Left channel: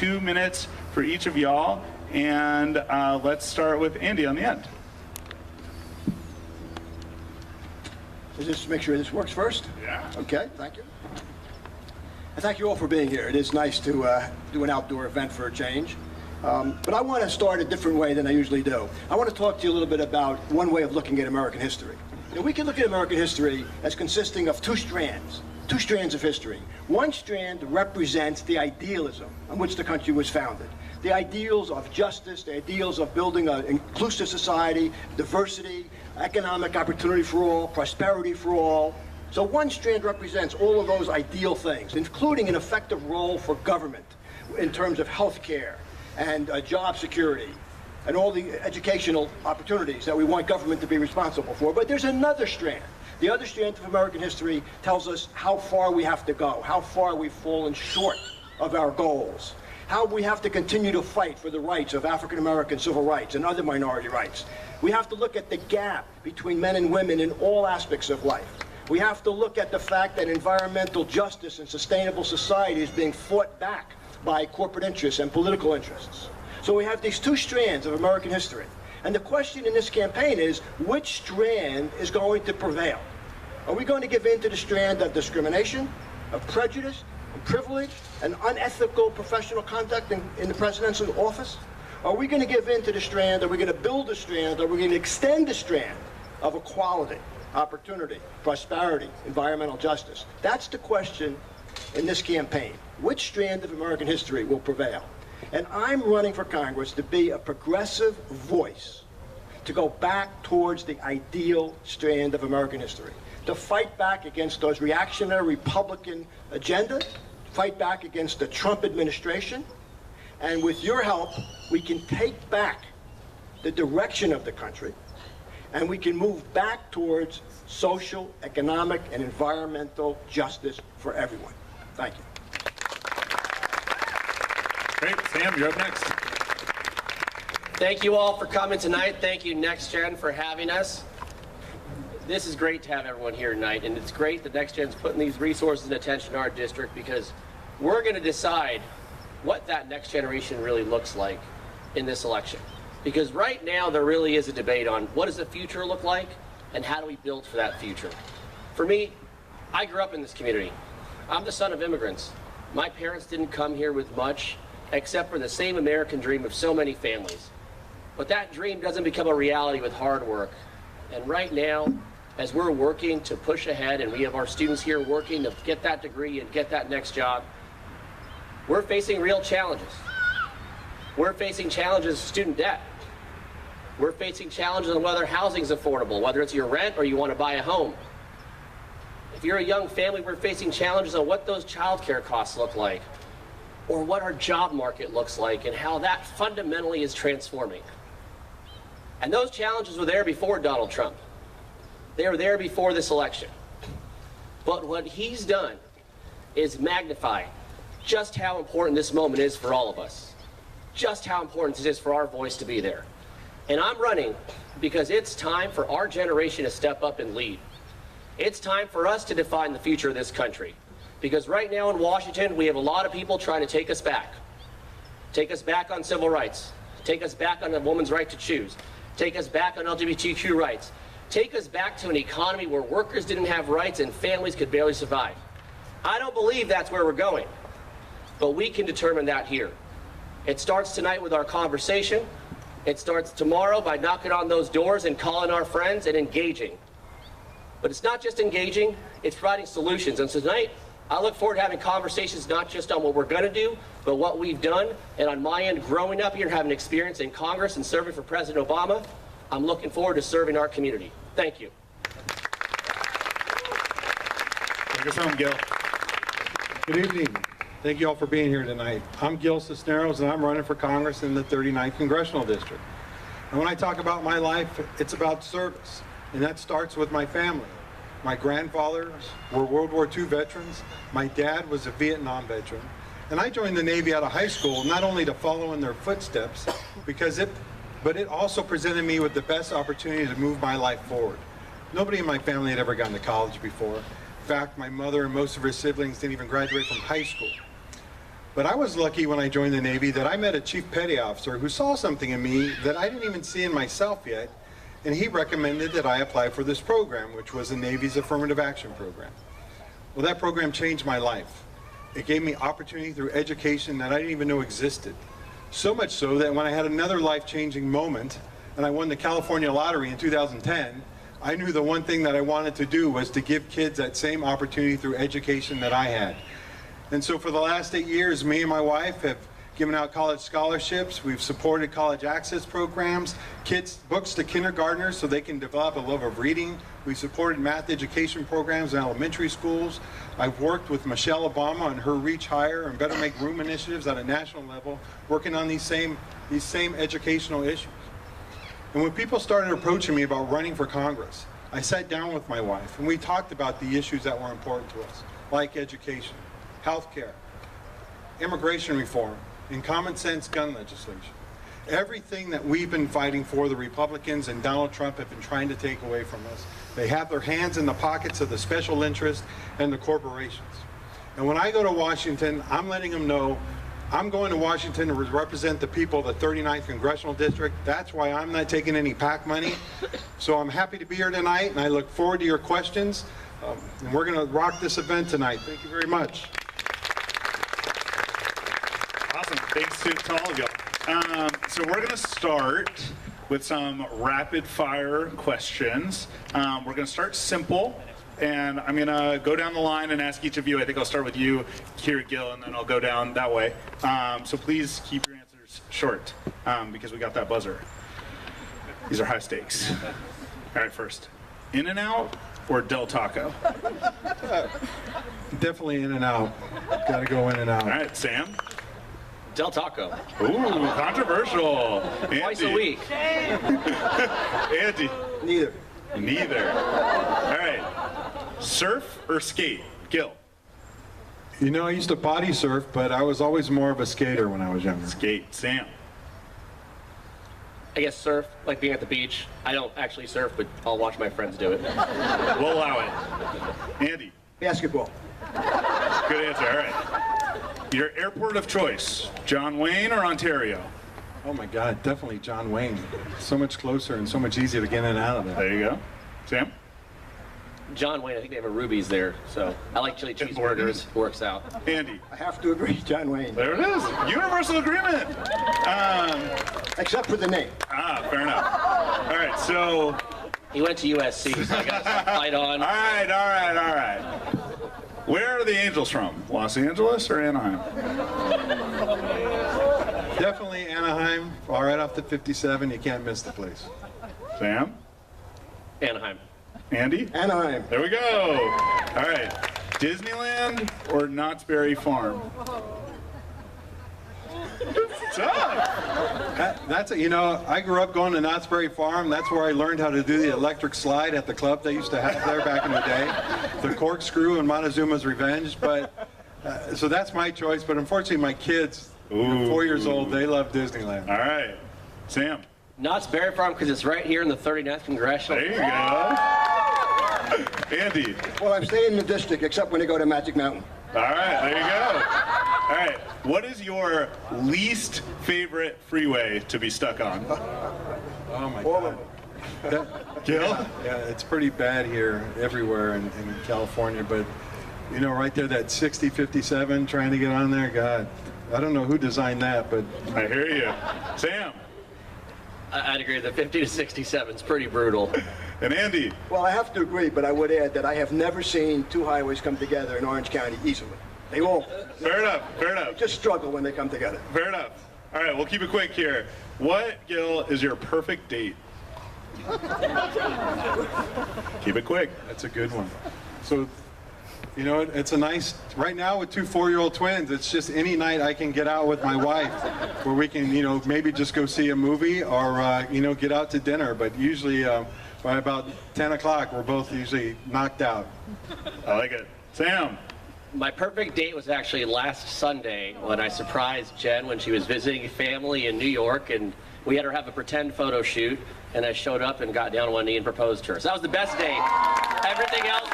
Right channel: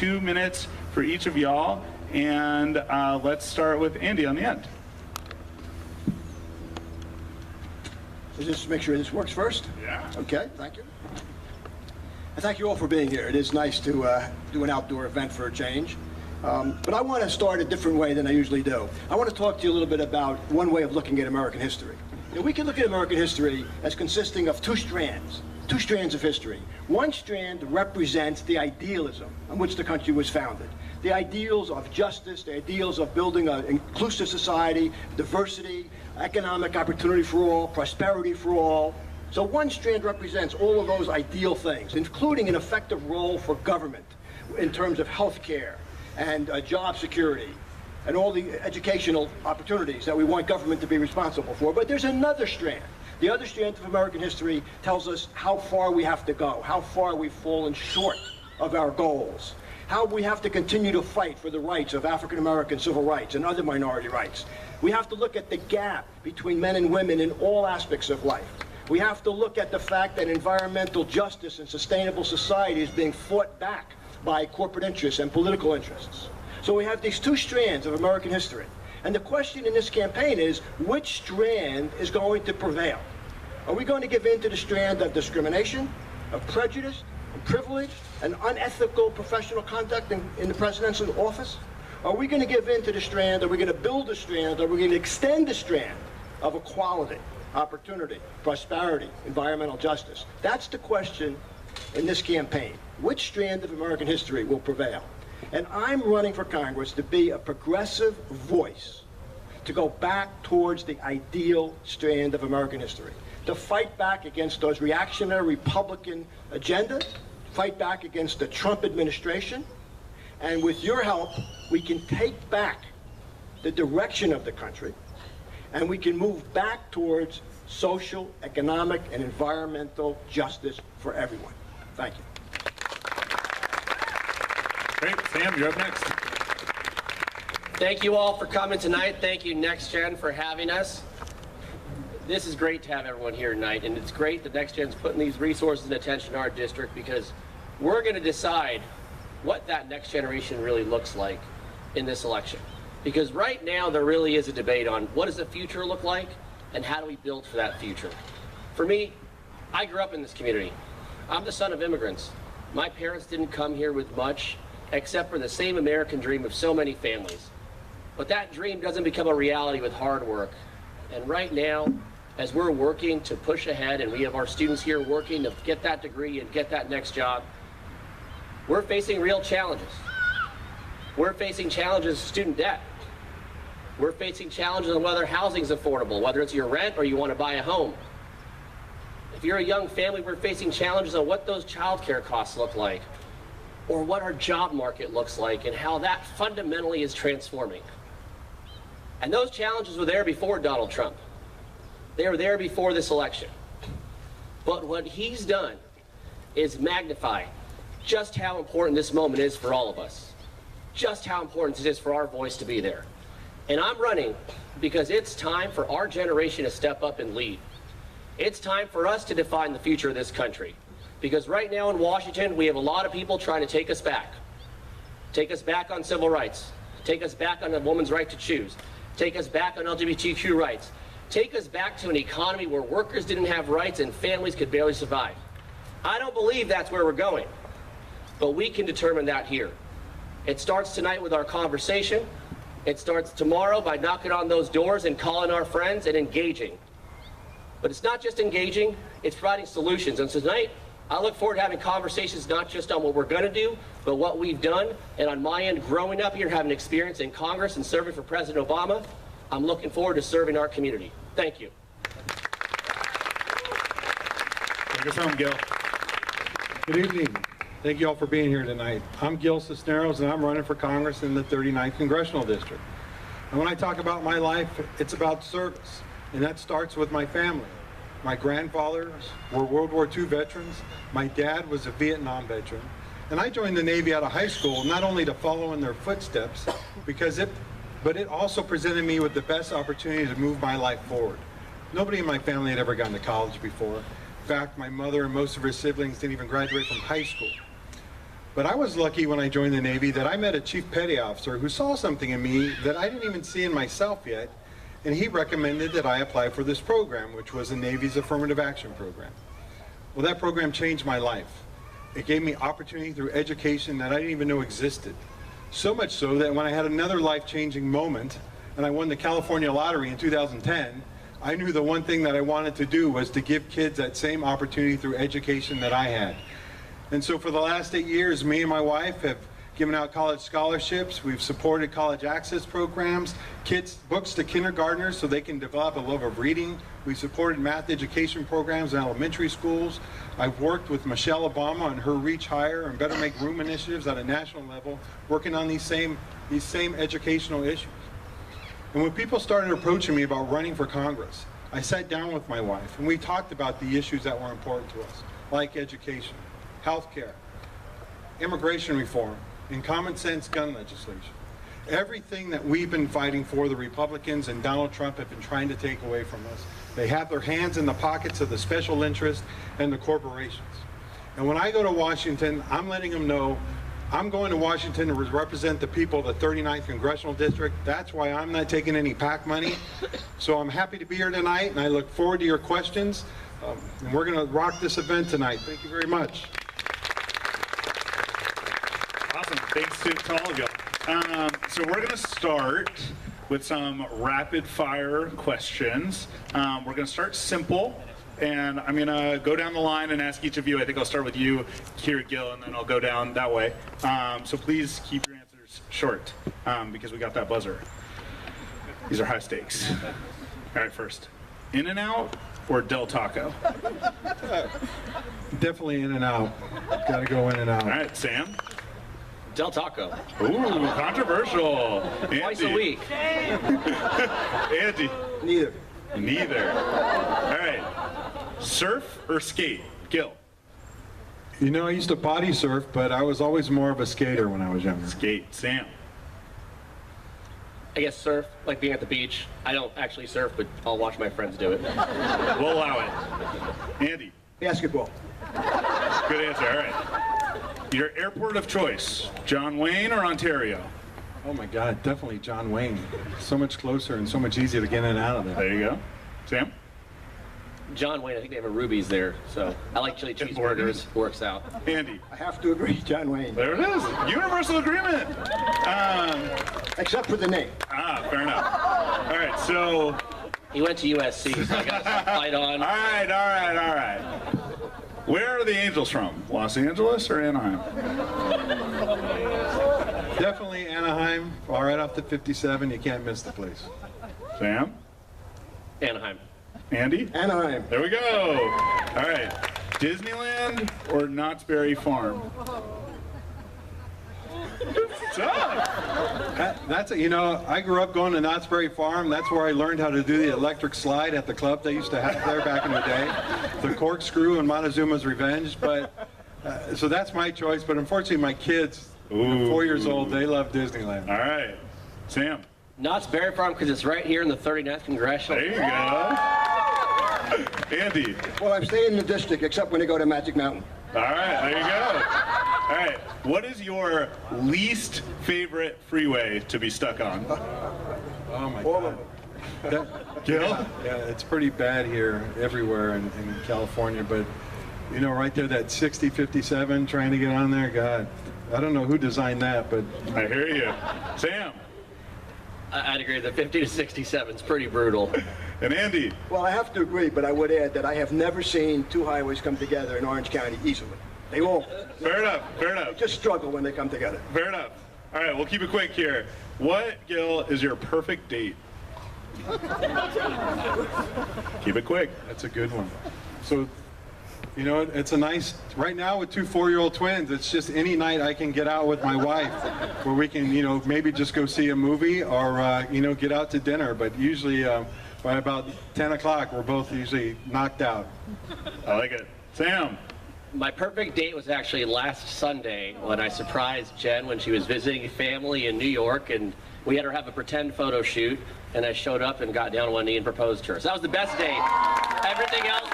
2 minutes for each of y'all, and let's start with Andy on the end. Just make sure this works first? Yeah. Okay, thank you. And thank you all for being here. It is nice to do an outdoor event for a change. But I want to start a different way than I usually do. I want to talk to you a little bit about one way of looking at American history. You know, we can look at American history as consisting of two strands of history. One strand represents the idealism on which the country was founded. The ideals of justice, the ideals of building an inclusive society, diversity, economic opportunity for all, prosperity for all. So one strand represents all of those ideal things, including an effective role for government in terms of health care and job security and all the educational opportunities that we want government to be responsible for. But there's another strand. The other strand of American history tells us how far we have to go, how far we've fallen short of our goals, how we have to continue to fight for the rights of African American civil rights and other minority rights. We have to look at the gap between men and women in all aspects of life. We have to look at the fact that environmental justice and sustainable society is being fought back by corporate interests and political interests. So we have these two strands of American history. And the question in this campaign is, which strand is going to prevail? Are we going to give in to the strand of discrimination, of prejudice, and privilege, and unethical professional conduct in the presidential office? Are we going to give in to the strand? Are we going to build a strand? Are we going to extend the strand of equality, opportunity, prosperity, environmental justice? That's the question in this campaign. Which strand of American history will prevail? And I'm running for Congress to be a progressive voice, to go back towards the ideal strand of American history, to fight back against those reactionary Republican agendas, fight back against the Trump administration, and with your help, we can take back the direction of the country, and we can move back towards social, economic, and environmental justice for everyone. Thank you. Great. Sam, you're up next. Thank you all for coming tonight. Thank you, Next Gen, for having us. This is great to have everyone here tonight, and it's great that Next Gen's putting these resources and attention to our district, because we're going to decide what that next generation really looks like in this election. Because right now there really is a debate on what does the future look like and how do we build for that future. For me, I grew up in this community. I'm the son of immigrants. My parents didn't come here with much except for the same American dream of so many families. But that dream doesn't become a reality with hard work. And right now, as we're working to push ahead, and we have our students here working to get that degree and get that next job, we're facing real challenges. We're facing challenges of student debt. We're facing challenges on whether housing is affordable, whether it's your rent or you want to buy a home. If you're a young family, we're facing challenges on what those child care costs look like, or what our job market looks like, and how that fundamentally is transforming. And those challenges were there before Donald Trump. They were there before this election. But what he's done is magnify just how important this moment is for all of us, just how important it is for our voice to be there. And I'm running because it's time for our generation to step up and lead. It's time for us to define the future of this country. Because right now in Washington, we have a lot of people trying to take us back. Take us back on civil rights. Take us back on a woman's right to choose. Take us back on LGBTQ rights. Take us back to an economy where workers didn't have rights and families could barely survive. I don't believe that's where we're going. But we can determine that here. It starts tonight with our conversation. It starts tomorrow by knocking on those doors and calling our friends and engaging. But it's not just engaging, it's providing solutions. And so tonight, I look forward to having conversations not just on what we're going to do, but what we've done. And on my end, growing up here and having experience in Congress and serving for President Obama, I'm looking forward to serving our community. Thank you. Take us home, Gil. Good evening. Thank you all for being here tonight. I'm Gil Cisneros, and I'm running for Congress in the 39th Congressional District. And when I talk about my life, it's about service, and that starts with my family. My grandfathers were World War II veterans. My dad was a Vietnam veteran. And I joined the Navy out of high school, not only to follow in their footsteps, but it also presented me with the best opportunity to move my life forward. Nobody in my family had ever gone to college before. In fact, my mother and most of her siblings didn't even graduate from high school. But I was lucky when I joined the Navy that I met a Chief Petty Officer who saw something in me that I didn't even see in myself yet, and he recommended that I apply for this program, which was the Navy's Affirmative Action Program. Well, that program changed my life. It gave me opportunity through education that I didn't even know existed. So much so that when I had another life-changing moment, and I won the California lottery in 2010, I knew the one thing that I wanted to do was to give kids that same opportunity through education that I had. And so for the last 8 years, me and my wife have given out college scholarships. We've supported college access programs, kids books to kindergartners so they can develop a love of reading. We've supported math education programs in elementary schools. I've worked with Michelle Obama on her Reach Higher and Better Make Room initiatives at a national level, working on these same educational issues. And when people started approaching me about running for Congress, I sat down with my wife and we talked about the issues that were important to us, like education, healthcare, immigration reform, and common sense gun legislation. Everything that we've been fighting for, the Republicans and Donald Trump have been trying to take away from us. They have their hands in the pockets of the special interests and the corporations. And when I go to Washington, I'm letting them know I'm going to Washington to represent the people of the 39th Congressional District. That's why I'm not taking any PAC money. So I'm happy to be here tonight, and I look forward to your questions. And we're going to rock this event tonight. Thank you very much. Awesome. Thanks to all of y'all. So we're going to start with some rapid fire questions. We're going to start simple, and I'm going to go down the line and ask each of you. I think I'll start with you here, Gil, and then I'll go down that way. So please keep your answers short because we got that buzzer. These are high stakes. All right, first, In-N-Out or Del Taco? Definitely In-N-Out. Got to go In-N-Out. All right, Sam? Del Taco. Ooh, controversial. Twice a week. Andy? Neither. Neither. All right. Surf or skate? Gil? You know, I used to body surf, but I was always more of a skater when I was younger. Skate. Sam? I guess surf, like being at the beach. I don't actually surf, but I'll watch my friends do it. We'll allow it. Andy? Basketball. Good answer. All right. Your airport of choice, John Wayne or Ontario? Oh my God, definitely John Wayne. So much closer and so much easier to get in and out of there. There you go. Sam? John Wayne, I think they have a Ruby's there, so I like chili cheeseburgers. Works out. Andy? I have to agree, John Wayne. There it is. Universal agreement. Except for the name. Fair enough. All right, so... He went to USC, so I got to fight on. All right. Where are the Angels from? Los Angeles or Anaheim? Definitely Anaheim, right off the 57. You can't miss the place. Sam? Anaheim. Andy? Anaheim. There we go. All right. Disneyland or Knott's Berry Farm? You know, I grew up going to Knott's Berry Farm. That's where I learned how to do the electric slide at the club they used to have there back in the day. The corkscrew and Montezuma's Revenge. But so that's my choice. But unfortunately, my kids, 4 years old, they love Disneyland. All right. Sam? Knott's Berry Farm, because it's right here in the 39th Congressional. There you go. Andy? Well, I'm staying in the district, except when I go to Magic Mountain. All right, there you go. All right, what is your least favorite freeway to be stuck on? Oh my All God. of them. Gil? Yeah, it's pretty bad here everywhere in California. But, you know, right there, that 6057 trying to get on there, God, I don't know who designed that, but... I hear you. Sam? I'd agree. The 50 to 67 is pretty brutal. And Andy? Well, I have to agree, but I would add that I have never seen two highways come together in Orange County easily. They won't. Fair enough. They just struggle when they come together. Fair enough. All right, we'll keep it quick here. What, Gil, is your perfect date? Keep it quick. That's a good one. So, you know, it's a nice, right now with two 4-year-old twins, it's just any night I can get out with my wife where we can, you know, maybe just go see a movie or, you know, get out to dinner. But usually by about 10 o'clock, we're both usually knocked out. I like it. Sam? My perfect date was actually last Sunday when I surprised Jen when she was visiting family in New York, and we had her have a pretend photo shoot, and I showed up and got down on one knee and proposed to her. So that was the best date. Everything else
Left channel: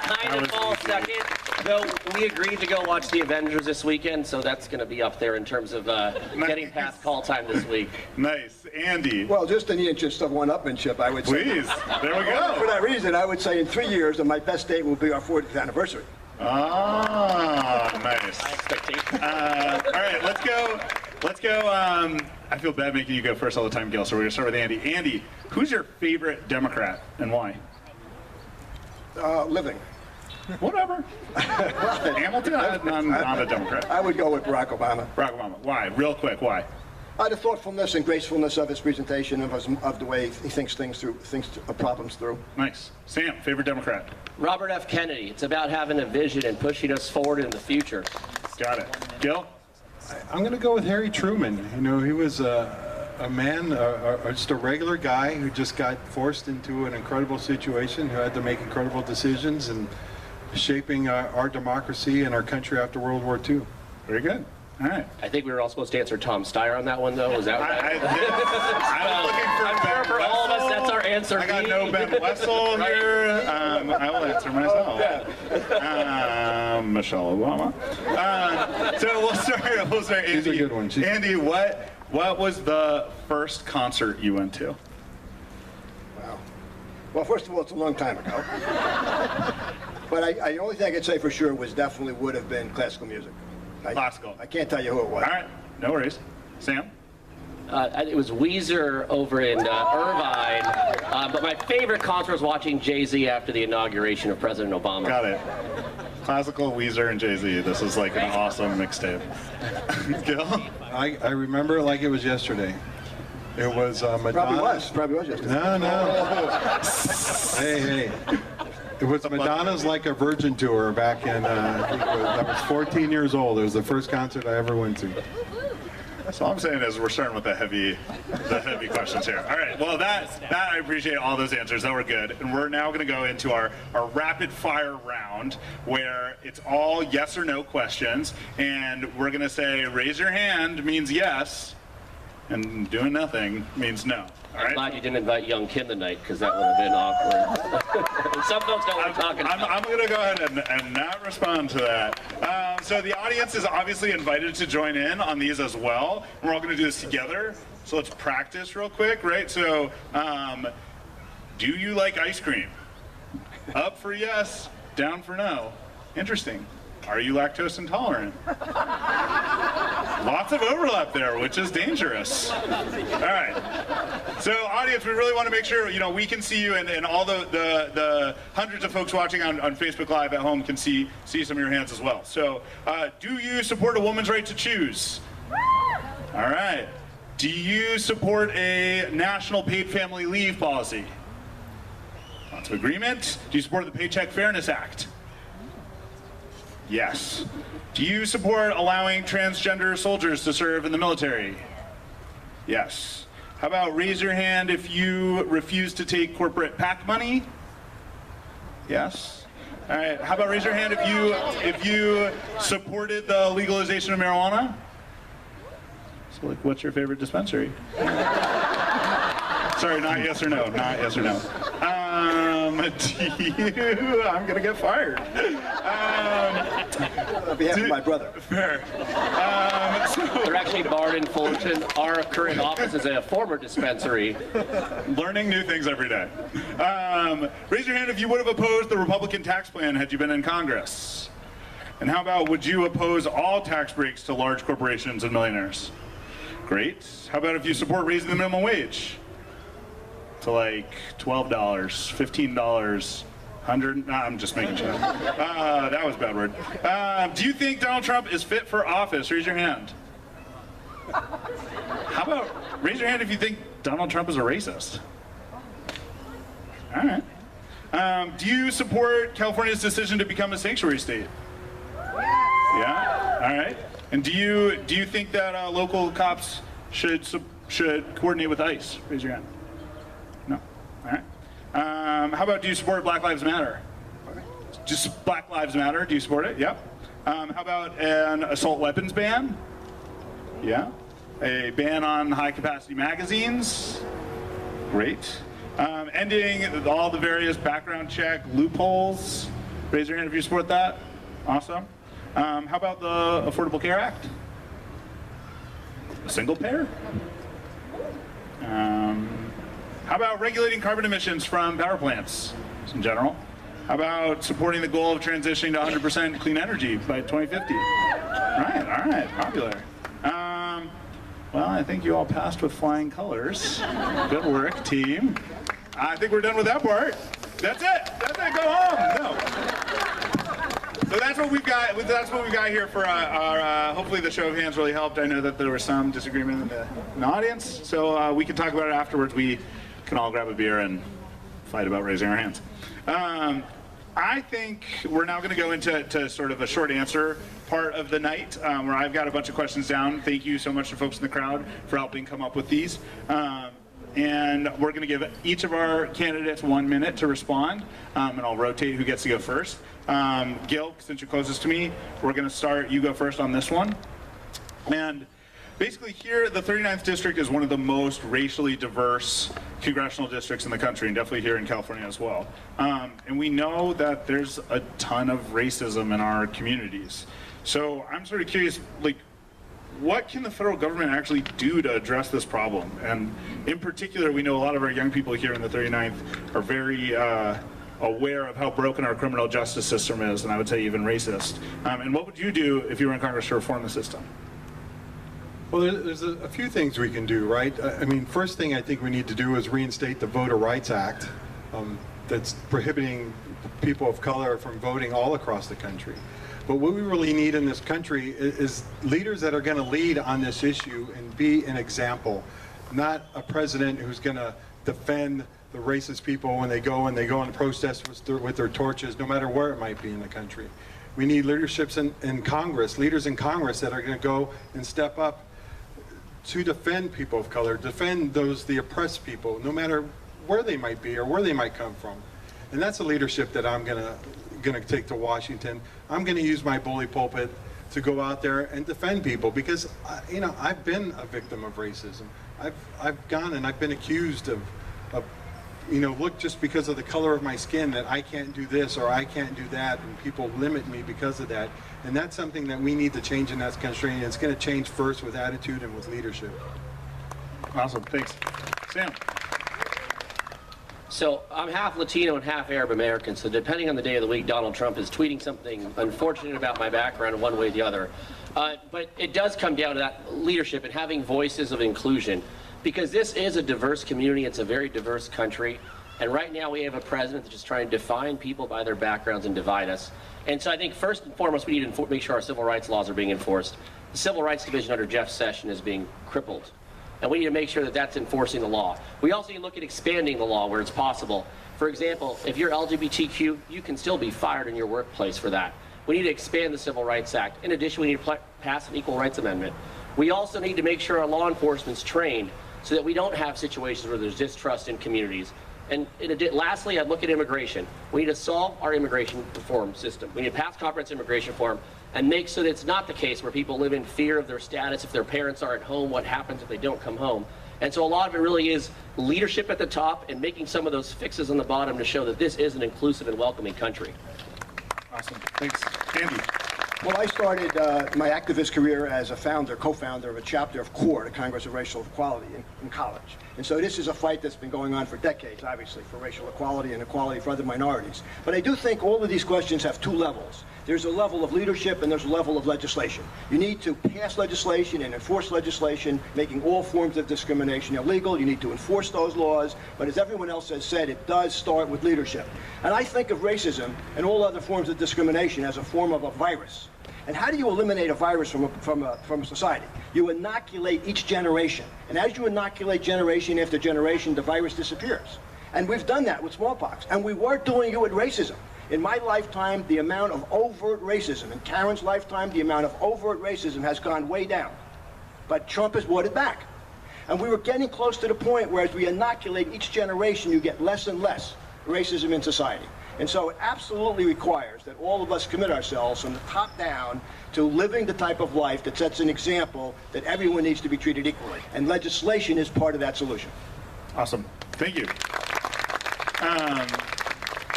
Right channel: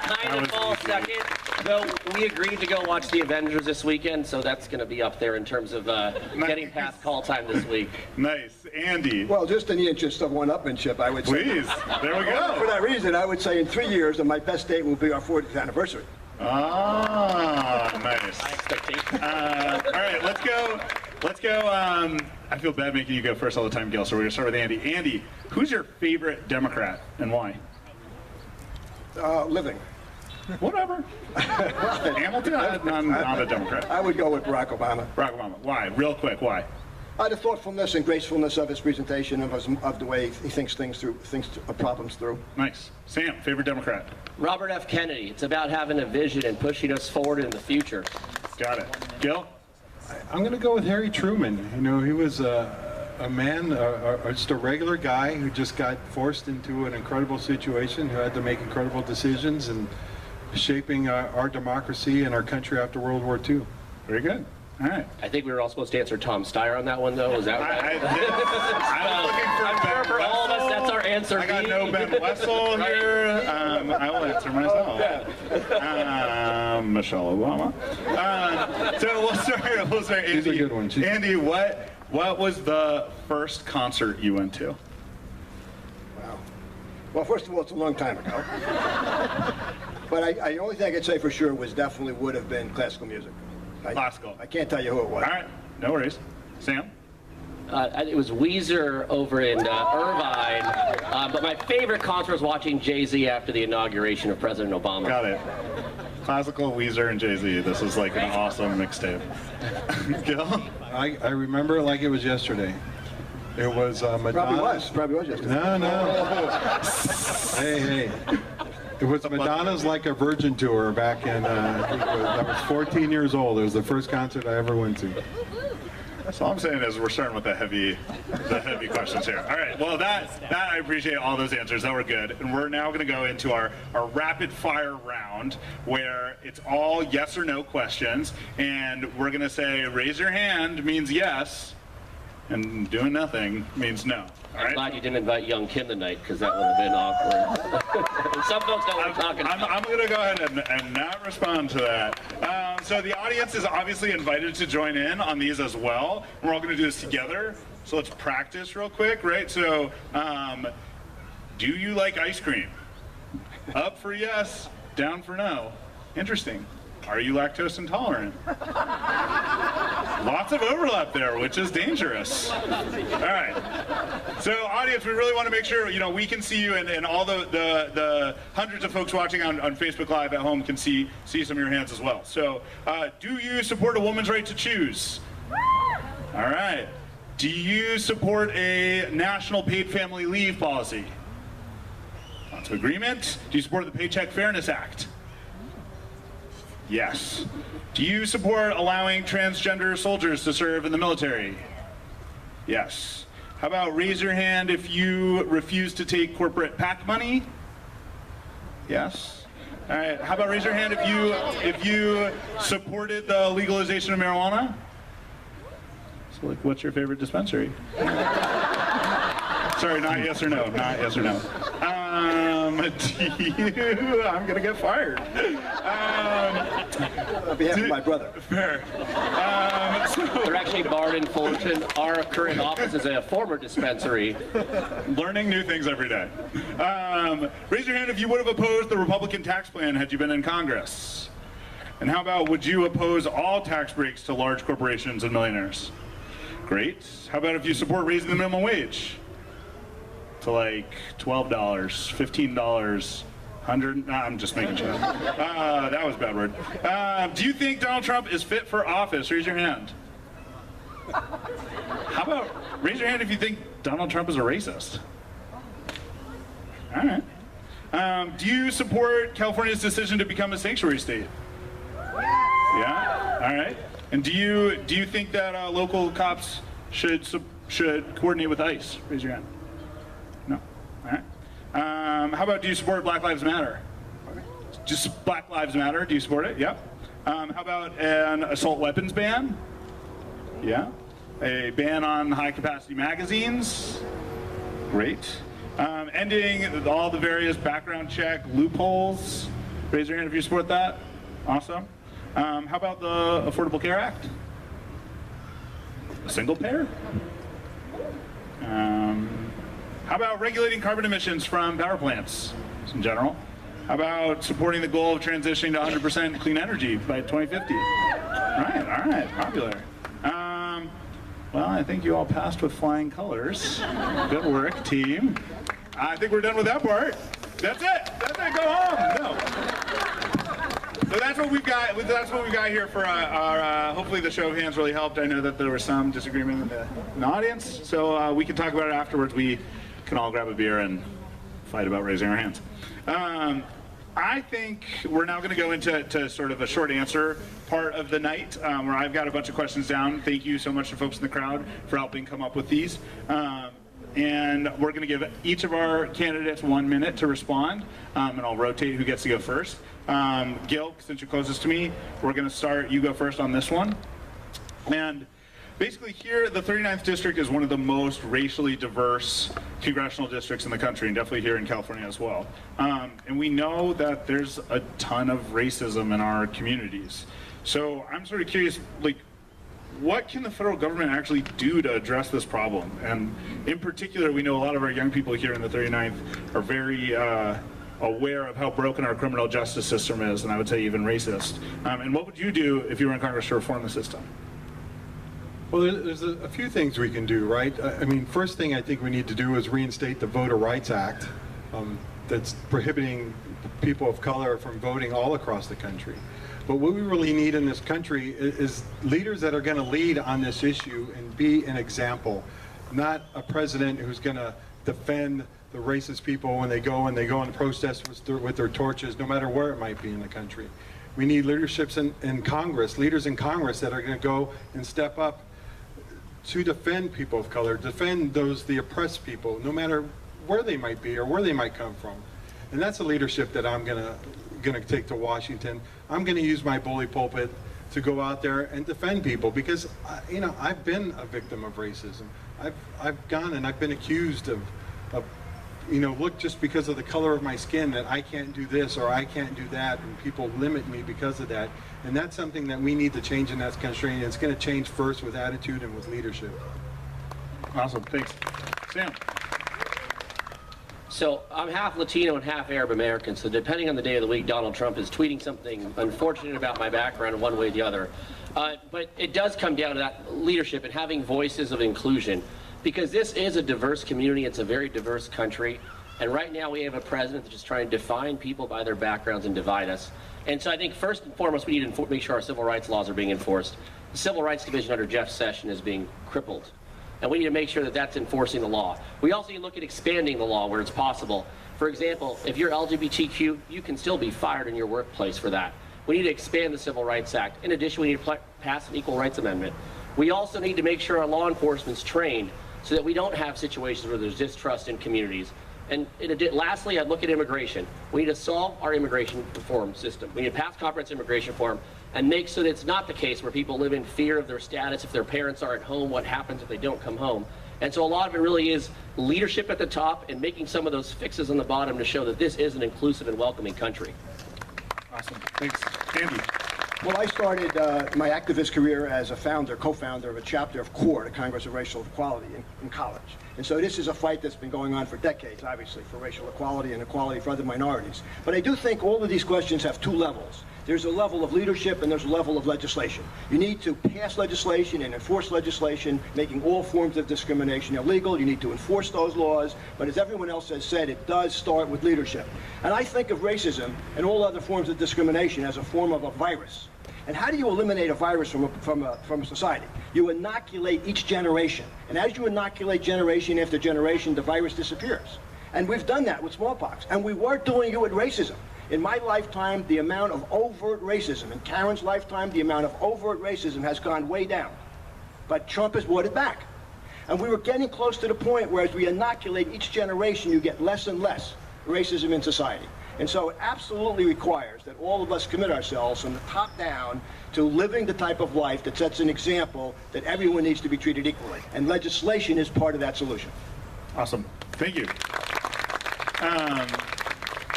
Kind of fall second. Though we agreed to go watch the Avengers this weekend, so that's going to be up there in terms of getting past call time this week. Nice. Andy. Well, just in the interest of one-upmanship, I would say. Please. There we For go. that reason, I would say in 3 years, my best date will be our 40th anniversary. Ah, nice. My expectation. All right, let's go. I feel bad making you go first all the time, Gil, so we're going to start with Andy. Andy, who's your favorite Democrat and why? Living. Whatever. Hamilton? I'm not a Democrat. I would go with Barack Obama. Barack Obama. Why? Real quick, why? The thoughtfulness and gracefulness of his presentation, of the way he thinks problems through. Nice. Sam, favorite Democrat? Robert F. Kennedy. It's about having a vision and pushing us forward in the future. Got it. Gil? I'm going to go with Harry Truman. You know, he was a man, just a regular guy who just got forced into an incredible situation, who had to make incredible decisions and shaping our democracy and our country after World War II. Very good. All right. I think we were all supposed to answer Tom Steyer on that one, though. Was that right? I'm looking for I'm sure for all of us, that's our answer. I got B. no Ben Wessel here. I will answer myself. Michelle Obama. So we'll start. Andy. She's a good one. Andy, what was the first concert you went to? Wow. Well, first of all, it's a long time ago. But the only thing I could say for sure would have been classical music. Classical. I can't tell you who it was. All right. No worries. Sam? It was Weezer over in Irvine, but my favorite concert was watching Jay-Z after the inauguration of President Obama. Got it. Classical, Weezer, and Jay-Z. This is like an awesome mixtape. Gil? I remember it like it was yesterday. It was Madonna. Probably was yesterday. No. Hey. It was Madonna's Like a Virgin tour back in, I was 14 years old. It was the first concert I ever went to. That's all I'm saying is we're starting with the heavy questions here. All right, well that I appreciate all those answers. That were good. And we're now gonna go into our rapid fire round where it's all yes or no questions. And we're gonna say raise your hand means yes, and doing nothing means no. All I'm right? glad you didn't invite Young Kim tonight, because that would have been awkward. Some folks know what I'm talking about. I'm going to go ahead and not respond to that. So the audience is obviously invited to join in on these as well. We're all going to do this together. So let's practice real quick, right? So do you like ice cream? Up for yes, down for no. Interesting. Are you lactose intolerant? Lots of overlap there, which is dangerous. All right. So, audience, we really want to make sure we can see you, and all the hundreds of folks watching on Facebook Live at home can see some of your hands as well. So, do you support a woman's right to choose? All right. Do you support a national paid family leave policy? Lots of agreement. Do you support the Paycheck Fairness Act? Yes. Do you support allowing transgender soldiers to serve in the military? Yes. How about raise your hand if you refuse to take corporate PAC money? Yes. All right. How about raise your hand if you supported the legalization of marijuana? So, what's your favorite dispensary? Sorry, not yes or no. Not yes or no. I'm gonna get fired. On behalf of my brother. Fair. They're actually barred in Fullerton. Our current office is a former dispensary. Learning new things every day. Raise your hand if you would have opposed the Republican tax plan had you been in Congress. And how about would you oppose all tax breaks to large corporations and millionaires? Great. How about if you support raising the minimum wage to like $12, $15, 100? Nah, I'm just making sure. That was a bad word. Do you think Donald Trump is fit for office? Raise your hand. How about raise your hand if you think Donald Trump is a racist? All right. Do you support California's decision to become a sanctuary state? Yeah. All right. And do you think that local cops should coordinate with ICE? Raise your hand. No. All right. How about do you support Black Lives Matter? Just Black Lives Matter. Do you support it? Yep. How about an assault weapons ban? Yeah. A ban on high-capacity magazines? Great. Ending all the various background check loopholes? Raise your hand if you support that. Awesome. How about the Affordable Care Act? A single payer? How about regulating carbon emissions from power plants in general? How about supporting the goal of transitioning to 100% clean energy by 2050? All right, popular. Well, I think you all passed with flying colors. Good work, team. I think we're done with that part. That's it. Go home. No. So that's what we've got. That's what we've got here for our. Hopefully, the show of hands really helped. I know that there was some disagreement in the audience, so we can talk about it afterwards. We can all grab a beer and fight about raising our hands. I think we're now going to go into sort of a short answer part of the night, where I've got a bunch of questions down. Thank you so much to folks in the crowd for helping come up with these. And we're going to give each of our candidates 1 minute to respond, and I'll rotate who gets to go first. Gil, since you're closest to me, we're going to start. You go first on this one. And basically here, the 39th district is one of the most racially diverse congressional districts in the country, and definitely here in California as well. And we know that there's a ton of racism in our communities. So I'm sort of curious, like, what can the federal government actually do to address this problem? And in particular, we know a lot of our young people here in the 39th are very aware of how broken our criminal justice system is, and I would say even racist. And what would you do if you were in Congress to reform the system? Well, there's a few things we can do, right? I mean, first thing I think we need to do is reinstate the Voter Rights Act that's prohibiting people of color from voting all across the country. But what we really need in this country is leaders that are going to lead on this issue and be an example, not a president who's going to defend the racist people when they go and protest with their torches, no matter where it might be in the country. We need leaderships in Congress, leaders in Congress that are going to go and step up to defend people of color, defend the oppressed people, no matter where they might be or where they might come from. And that's a leadership that I'm going to take to Washington. I'm going to use my bully pulpit to go out there and defend people because, you know, I've been a victim of racism. I've gone and I've been accused of, you know, look, just because of the color of my skin that I can't do this or I can't do that, and people limit me because of that. And that's something that we need to change in that country, and it's going to change first with attitude and with leadership. Awesome, thanks. Sam. So I'm half Latino and half Arab American, so depending on the day of the week, Donald Trump is tweeting something unfortunate about my background one way or the other. But it does come down to that leadership and having voices of inclusion, because this is a diverse community. It's a very diverse country. And right now we have a president that's just trying to define people by their backgrounds and divide us. And so I think first and foremost, we need to make sure our civil rights laws are being enforced. The Civil Rights Division under Jeff Sessions is being crippled. And we need to make sure that that's enforcing the law. We also need to look at expanding the law where it's possible. For example, if you're LGBTQ, you can still be fired in your workplace for that. We need to expand the Civil Rights Act. In addition, we need to pass an Equal Rights Amendment. We also need to make sure our law enforcement's trained so that we don't have situations where there's distrust in communities. And lastly, I'd look at immigration. We need to solve our immigration reform system. We need to pass comprehensive immigration reform and make so that it's not the case where people live in fear of their status. If their parents are at home, what happens if they don't come home? And so a lot of it really is leadership at the top and making some of those fixes on the bottom to show that this is an inclusive and welcoming country. Awesome, thanks. Andy. Well, I started my activist career as a co-founder of a chapter of CORE, the Congress of Racial Equality, in college. And so this is a fight that's been going on for decades, obviously, for racial equality and equality for other minorities. But I do think all of these questions have two levels. There's a level of leadership and there's a level of legislation. You need to pass legislation and enforce legislation, making all forms of discrimination illegal. You need to enforce those laws. But as everyone else has said, it does start with leadership. And I think of racism and all other forms of discrimination as a form of a virus. And how do you eliminate a virus from a society? You inoculate each generation. And as you inoculate generation after generation, the virus disappears. And we've done that with smallpox. And we weren't doing it with racism. In my lifetime, the amount of overt racism, in Karen's lifetime, the amount of overt racism has gone way down. But Trump has brought it back. And we were getting close to the point where as we inoculate each generation, you get less and less racism in society. And so it absolutely requires that all of us commit ourselves from the top down to living the type of life that sets an example that everyone needs to be treated equally. And legislation is part of that solution. Awesome. Thank you.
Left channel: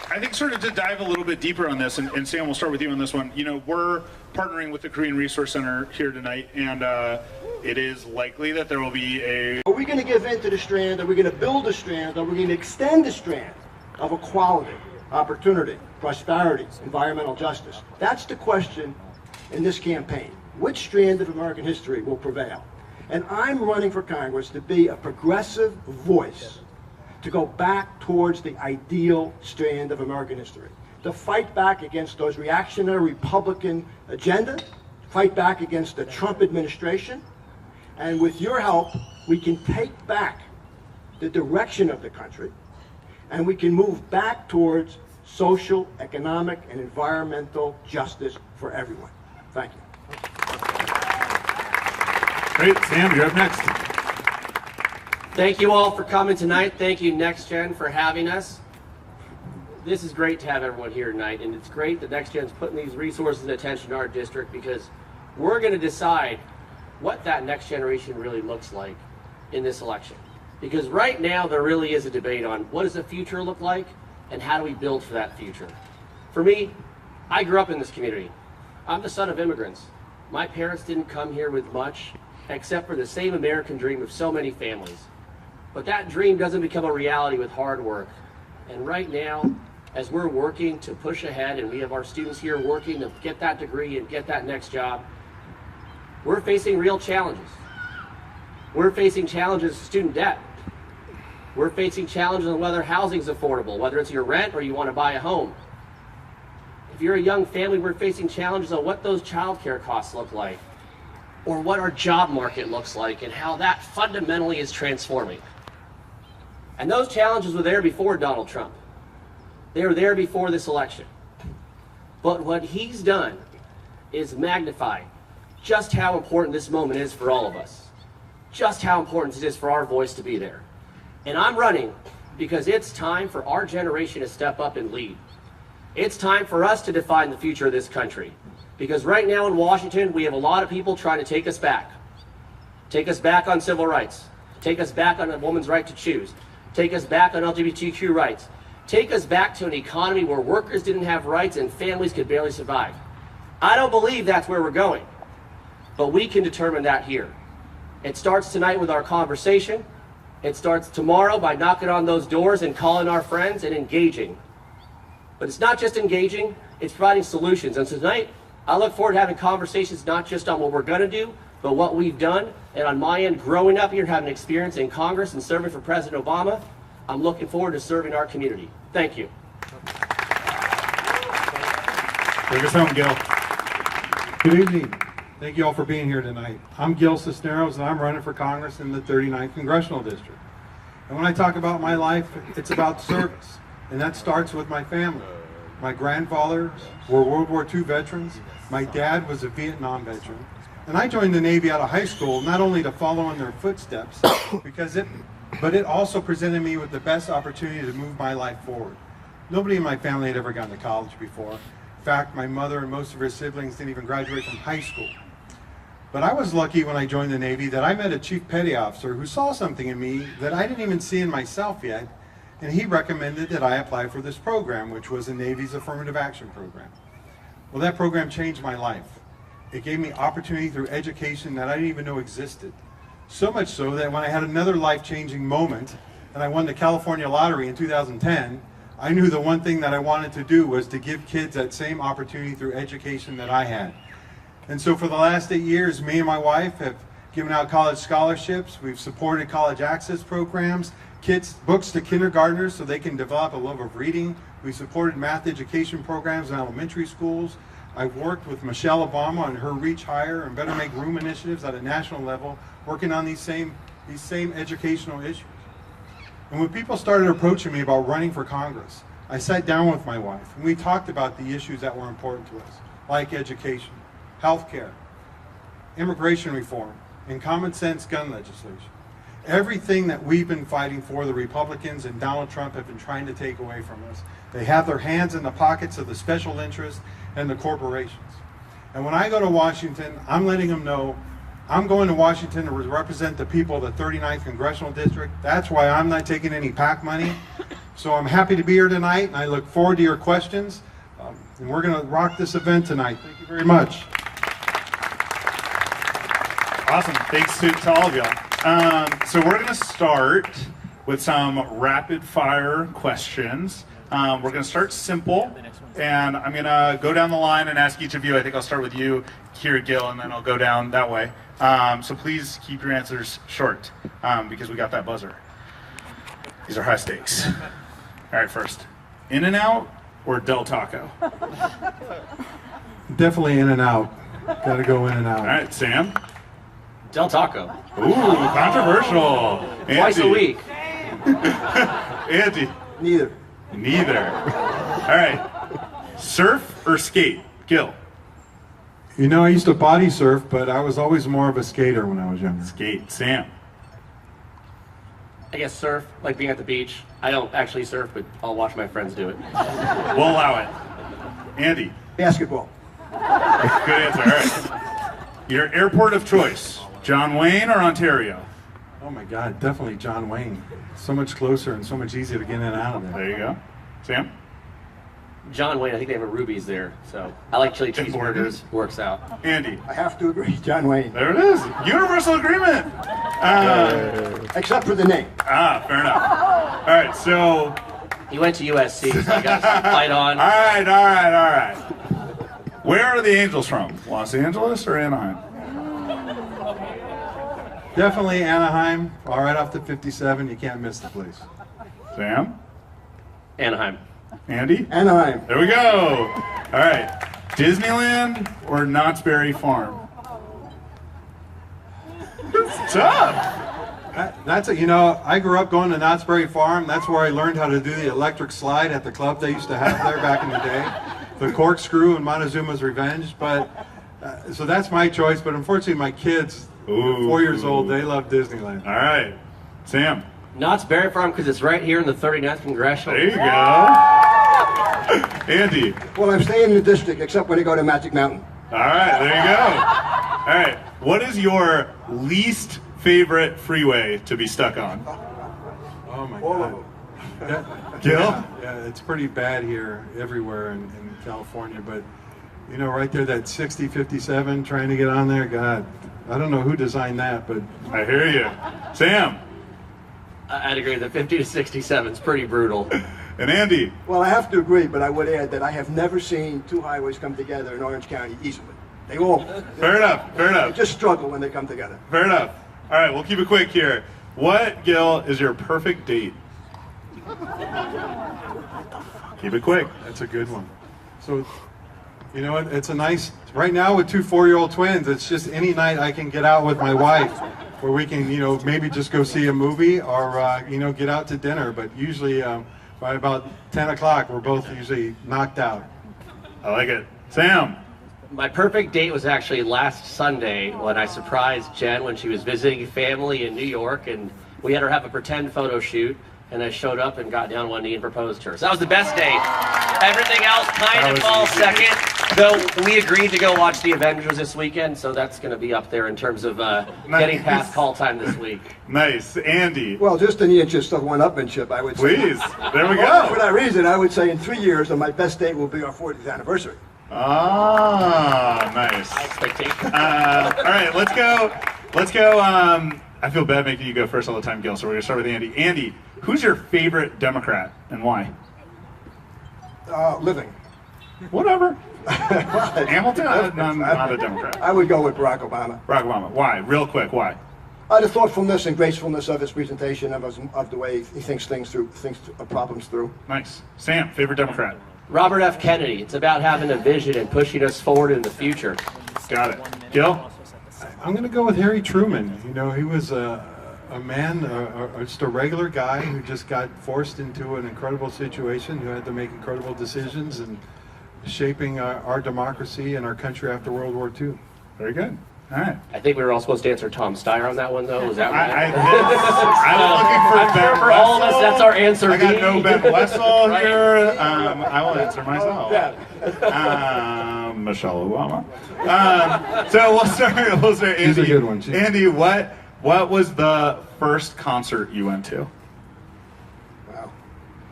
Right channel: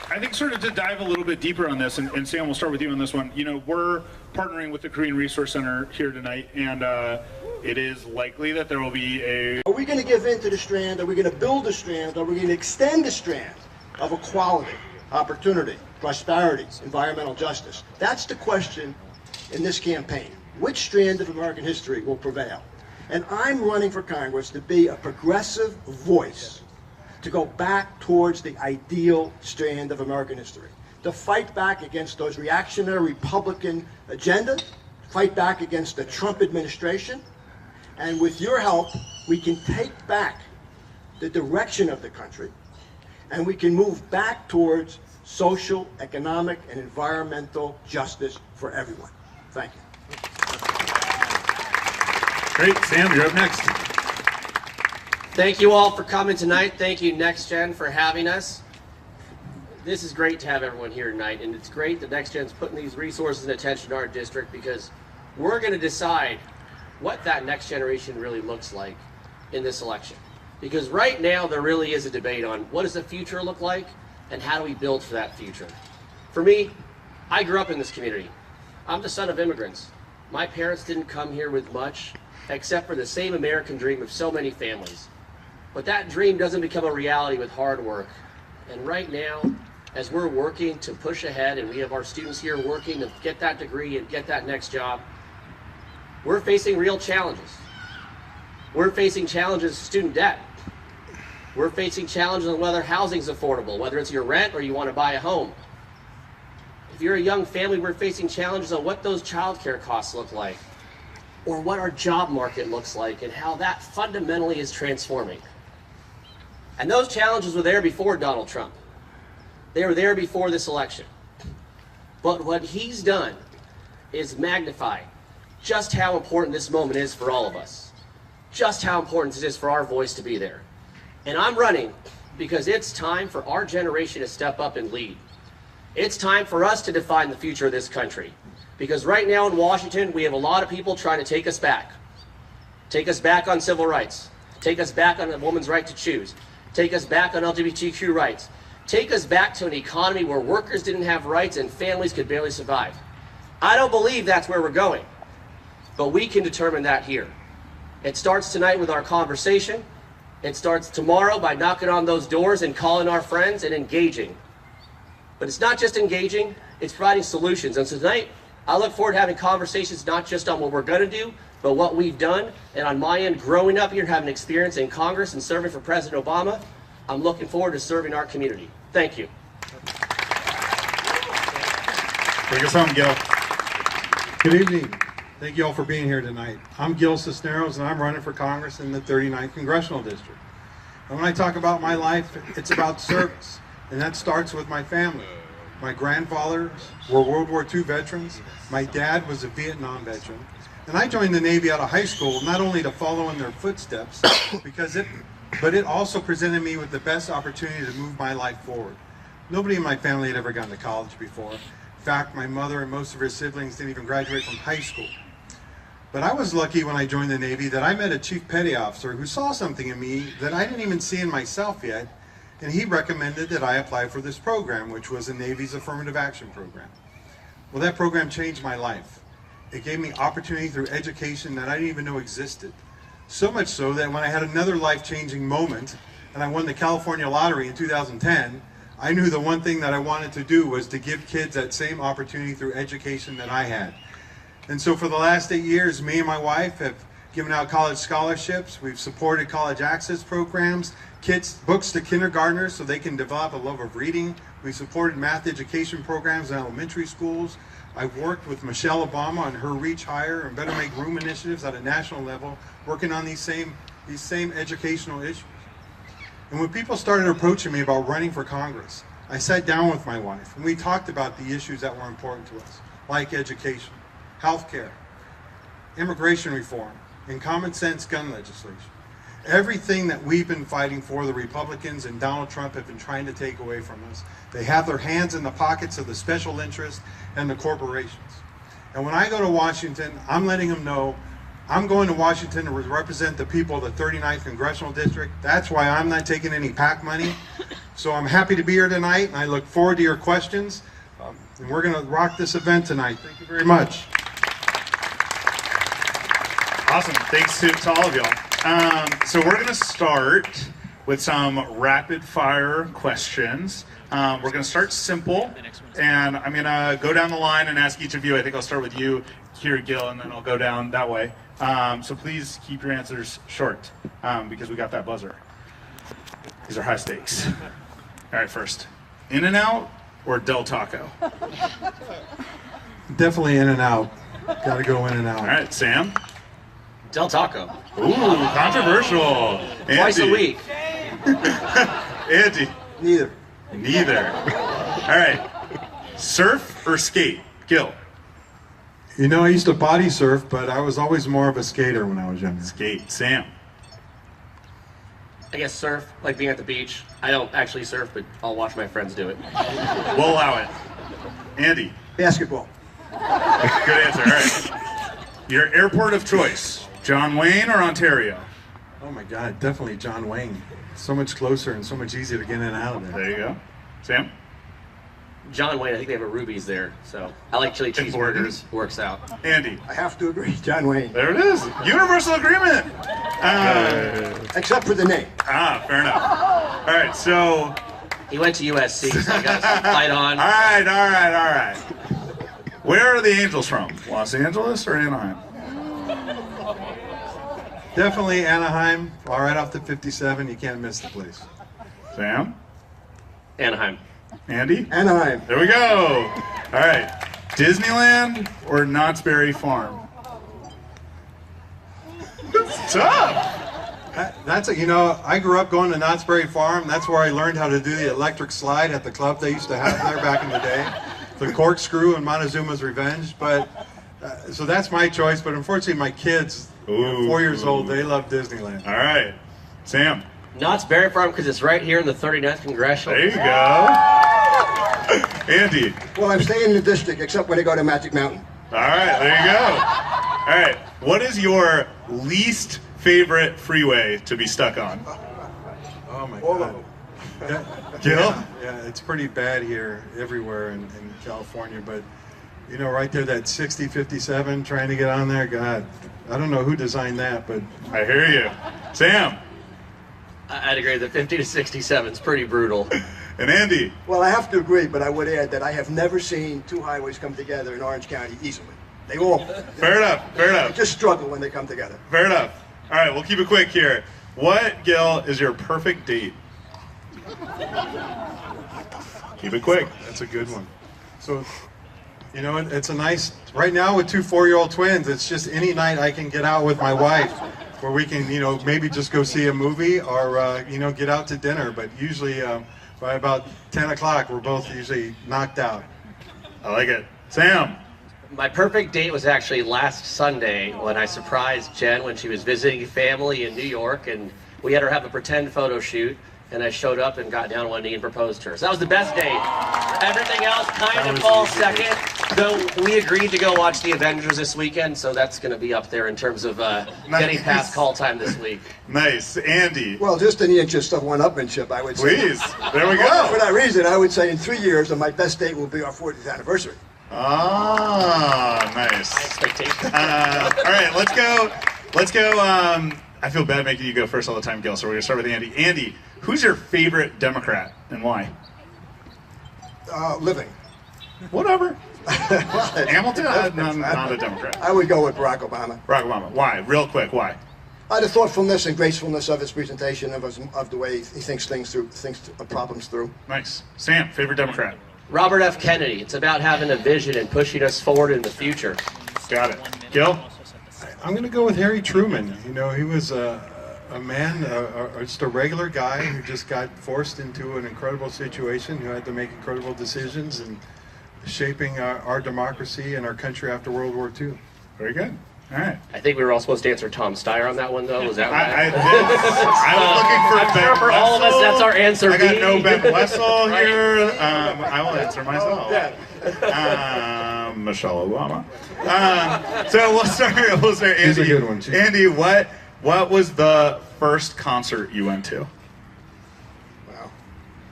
I think sort of to dive a little bit deeper on this, and Sam, we'll start with you on this one. You know, we're partnering with the Korean Resource Center here tonight, and it is likely that there will be a... Are we going to give in to the strand? Are we going to build a strand? Are we going to extend the strand of equality, opportunity, prosperity, environmental justice? That's the question in this campaign. Which strand of American history will prevail? And I'm running for Congress to be a progressive voice, to go back towards the ideal strand of American history, to fight back against those reactionary Republican agendas, fight back against the Trump administration, and with your help, we can take back the direction of the country, and we can move back towards social, economic, and environmental justice for everyone. Thank you. Great, Sam, you're up next. Thank you all for coming tonight. Thank you, Next Gen, for having us. This is great to have everyone here tonight, and it's great that Next Gen's putting these resources and attention to our district, because we're going to decide what that next generation really looks like in this election. Because right now there really is a debate on what does the future look like and how do we build for that future. For me, I grew up in this community. I'm the son of immigrants. My parents didn't come here with much except for the same American dream of so many families. But that dream doesn't become a reality with hard work. And right now, as we're working to push ahead, and we have our students here working to get that degree and get that next job, we're facing real challenges. We're facing challenges of student debt. We're facing challenges on whether housing's affordable, whether it's your rent or you want to buy a home. If you're a young family, we're facing challenges on what those childcare costs look like, or what our job market looks like, and how that fundamentally is transforming. And those challenges were there before Donald Trump. They were there before this election. But what he's done is magnify just how important this moment is for all of us. Just how important it is for our voice to be there. And I'm running because it's time for our generation to step up and lead. It's time for us to define the future of this country. Because right now in Washington, we have a lot of people trying to take us back. Take us back on civil rights. Take us back on a woman's right to choose. Take us back on LGBTQ rights. Take us back to an economy where workers didn't have rights and families could barely survive. I don't believe that's where we're going. But we can determine that here. It starts tonight with our conversation. It starts tomorrow by knocking on those doors and calling our friends and engaging. But it's not just engaging, it's providing solutions. And so tonight, I look forward to having conversations not just on what we're going to do, but what we've done. And on my end, growing up here, having experience in Congress and serving for President Obama, I'm looking forward to serving our community. Thank you. Bring us home, Gil. Good evening. Thank you all for being here tonight. I'm Gil Cisneros, and I'm running for Congress in the 39th Congressional District. And when I talk about my life, it's about service, and that starts with my family. My grandfathers were World War II veterans. My dad was a Vietnam veteran. And I joined the Navy out of high school, not only to follow in their footsteps, but it also presented me with the best opportunity to move my life forward. Nobody in my family had ever gone to college before. In fact, my mother and most of her siblings didn't even graduate from high school. But I was lucky when I joined the Navy that I met a chief petty officer who saw something in me that I didn't even see in myself yet, and he recommended that I apply for this program, which was the Navy's Affirmative Action Program. Well, that program changed my life. It gave me opportunity through education that I didn't even know existed. So much so that when I had another life-changing moment, and I won the California lottery in 2010, I knew the one thing that I wanted to do was to give kids that same opportunity through education that I had. And so for the last 8 years, me and my wife have given out college scholarships. We've supported college access programs, books to kindergartners so they can develop a love of reading. We've supported math education programs in elementary schools. I've worked with Michelle Obama on her Reach Higher and Better Make Room initiatives at a national level, working on these same educational issues. And when people started approaching me about running for Congress, I sat down with my wife and we talked about the issues that were important to us, like education, healthcare, immigration reform, and common sense gun legislation. Everything that we've been fighting for, the Republicans and Donald Trump have been trying to take away from us. They have their hands in the pockets of the special interests and the corporations. And when I go to Washington, I'm letting them know I'm going to Washington to represent the people of the 39th Congressional District. That's why I'm not taking any PAC money. So I'm happy to be here tonight, and I look forward to your questions. And we're going to rock this event tonight. Thank you very much. Awesome. Thanks to all of you. So we're going to start with some rapid fire questions. We're going to start simple, and I'm going to go down the line and ask each of you. I think I'll start with you here, Gil, and then I'll go down that way. So please keep your answers short, because we got that buzzer. These are high stakes. All right, first, In-N-Out or Del Taco? Definitely In-N-Out. Got to go In-N-Out. All right, Sam? Del Taco. Ooh, controversial. Twice a Andy? week. Andy? Neither. Neither. All right, surf or skate? Gil? You know, I used to body surf, but I was always more of a skater when I was younger. Skate. Sam? I guess surf, like being at the beach. I don't actually surf, but I'll watch my friends do it. We'll allow it. Andy? Basketball. Good answer. All right. Your airport of choice, John Wayne or Ontario? Oh my God, definitely John Wayne. So much closer and so much easier to get in and out of there. There you go. Sam? John Wayne, I think they have a Ruby's there, so I like chili cheeseburgers. Works out. Andy? I have to agree, John Wayne. There it is. Universal agreement. Except for the name. Fair enough. All right, so. He went to USC, so I got some fight on. All right. Where are the Angels from? Los Angeles or Anaheim? Definitely Anaheim. All right off the 57. You can't miss the place. Sam? Anaheim. Andy? Anaheim. There we go. All right. Disneyland or Knott's Berry Farm? It's tough. That's a, you know, I grew up going to Knott's Berry Farm. That's where I learned how to do the electric slide at the club they used to have there back in the day. The corkscrew and Montezuma's Revenge. But so that's my choice. But unfortunately, my kids, 4 years old, they love Disneyland. All right. Sam? Knott's Berry Farm, because it's right here in the 39th Congressional. There you go. Andy? Well, I'm staying in the district, except when I go to Magic Mountain. All right, there you go. All right, what is your least favorite freeway to be stuck on? Oh my All God. of them. Gil? Yeah, it's pretty bad here, everywhere in California. But, you know, right there, that 60, 57, trying to get on there, God, I don't know who designed that, but. I hear you. Sam? I'd agree that 50 to 67 is pretty brutal. And Andy? Well, I have to agree, but I would add that I have never seen two highways come together in Orange County easily. They all Fair enough. they just struggle when they come together. Fair enough. All right, we'll keep it quick here. What, Gil, is your perfect date? Keep it quick. That's a good one. So, you know, it's a nice, right now with two 4-year-old twins, it's just any night I can get out with my wife where we can, you know, maybe just go see a movie or, you know, get out to dinner. But usually by about 10 o'clock, we're both usually knocked out. I like it. Sam? My perfect date was actually last Sunday when I surprised Jen when she was visiting family in New York, and we had her have a pretend photo shoot, and I showed up and got down on one knee and proposed to her. So that was the best date. Everything else kind of falls second, though we agreed to go watch the Avengers this weekend, so that's going to be up there in terms of getting past call time this week. Nice. Andy? Well, just in the interest of one-upmanship, I would say. Please. There we Well, for go. that reason, I would say in 3 years, my best date will be our 40th anniversary. Ah, nice. Expectation. All right, let's go. I feel bad making you go first all the time, Gil, so we're going to start with Andy. Andy, who's your favorite Democrat and why? Living. Whatever. Hamilton? Not a Democrat. I would go with Barack Obama. Barack Obama. Why? Real quick, why? The thoughtfulness and gracefulness of his presentation, of the way he thinks things through, problems through. Nice. Sam, favorite Democrat? Robert F. Kennedy. It's about having a vision and pushing us forward in the future. Got it. Gil? I'm going to go with Harry Truman. You know, he was a man, just a regular guy who just got forced into an incredible situation, who had to make incredible decisions and shaping our democracy and our country after World War II. Very good. All right. I think we were all supposed to answer Tom Steyer on that one, though. Was that right? I was looking for I'm sure for all of us, Wessel. that's our answer. I got B. no Ben Wessel Right. here. I will answer myself. Michelle Obama. So we'll start Andy. She's a good one. Andy, what was the first concert you went to? Wow.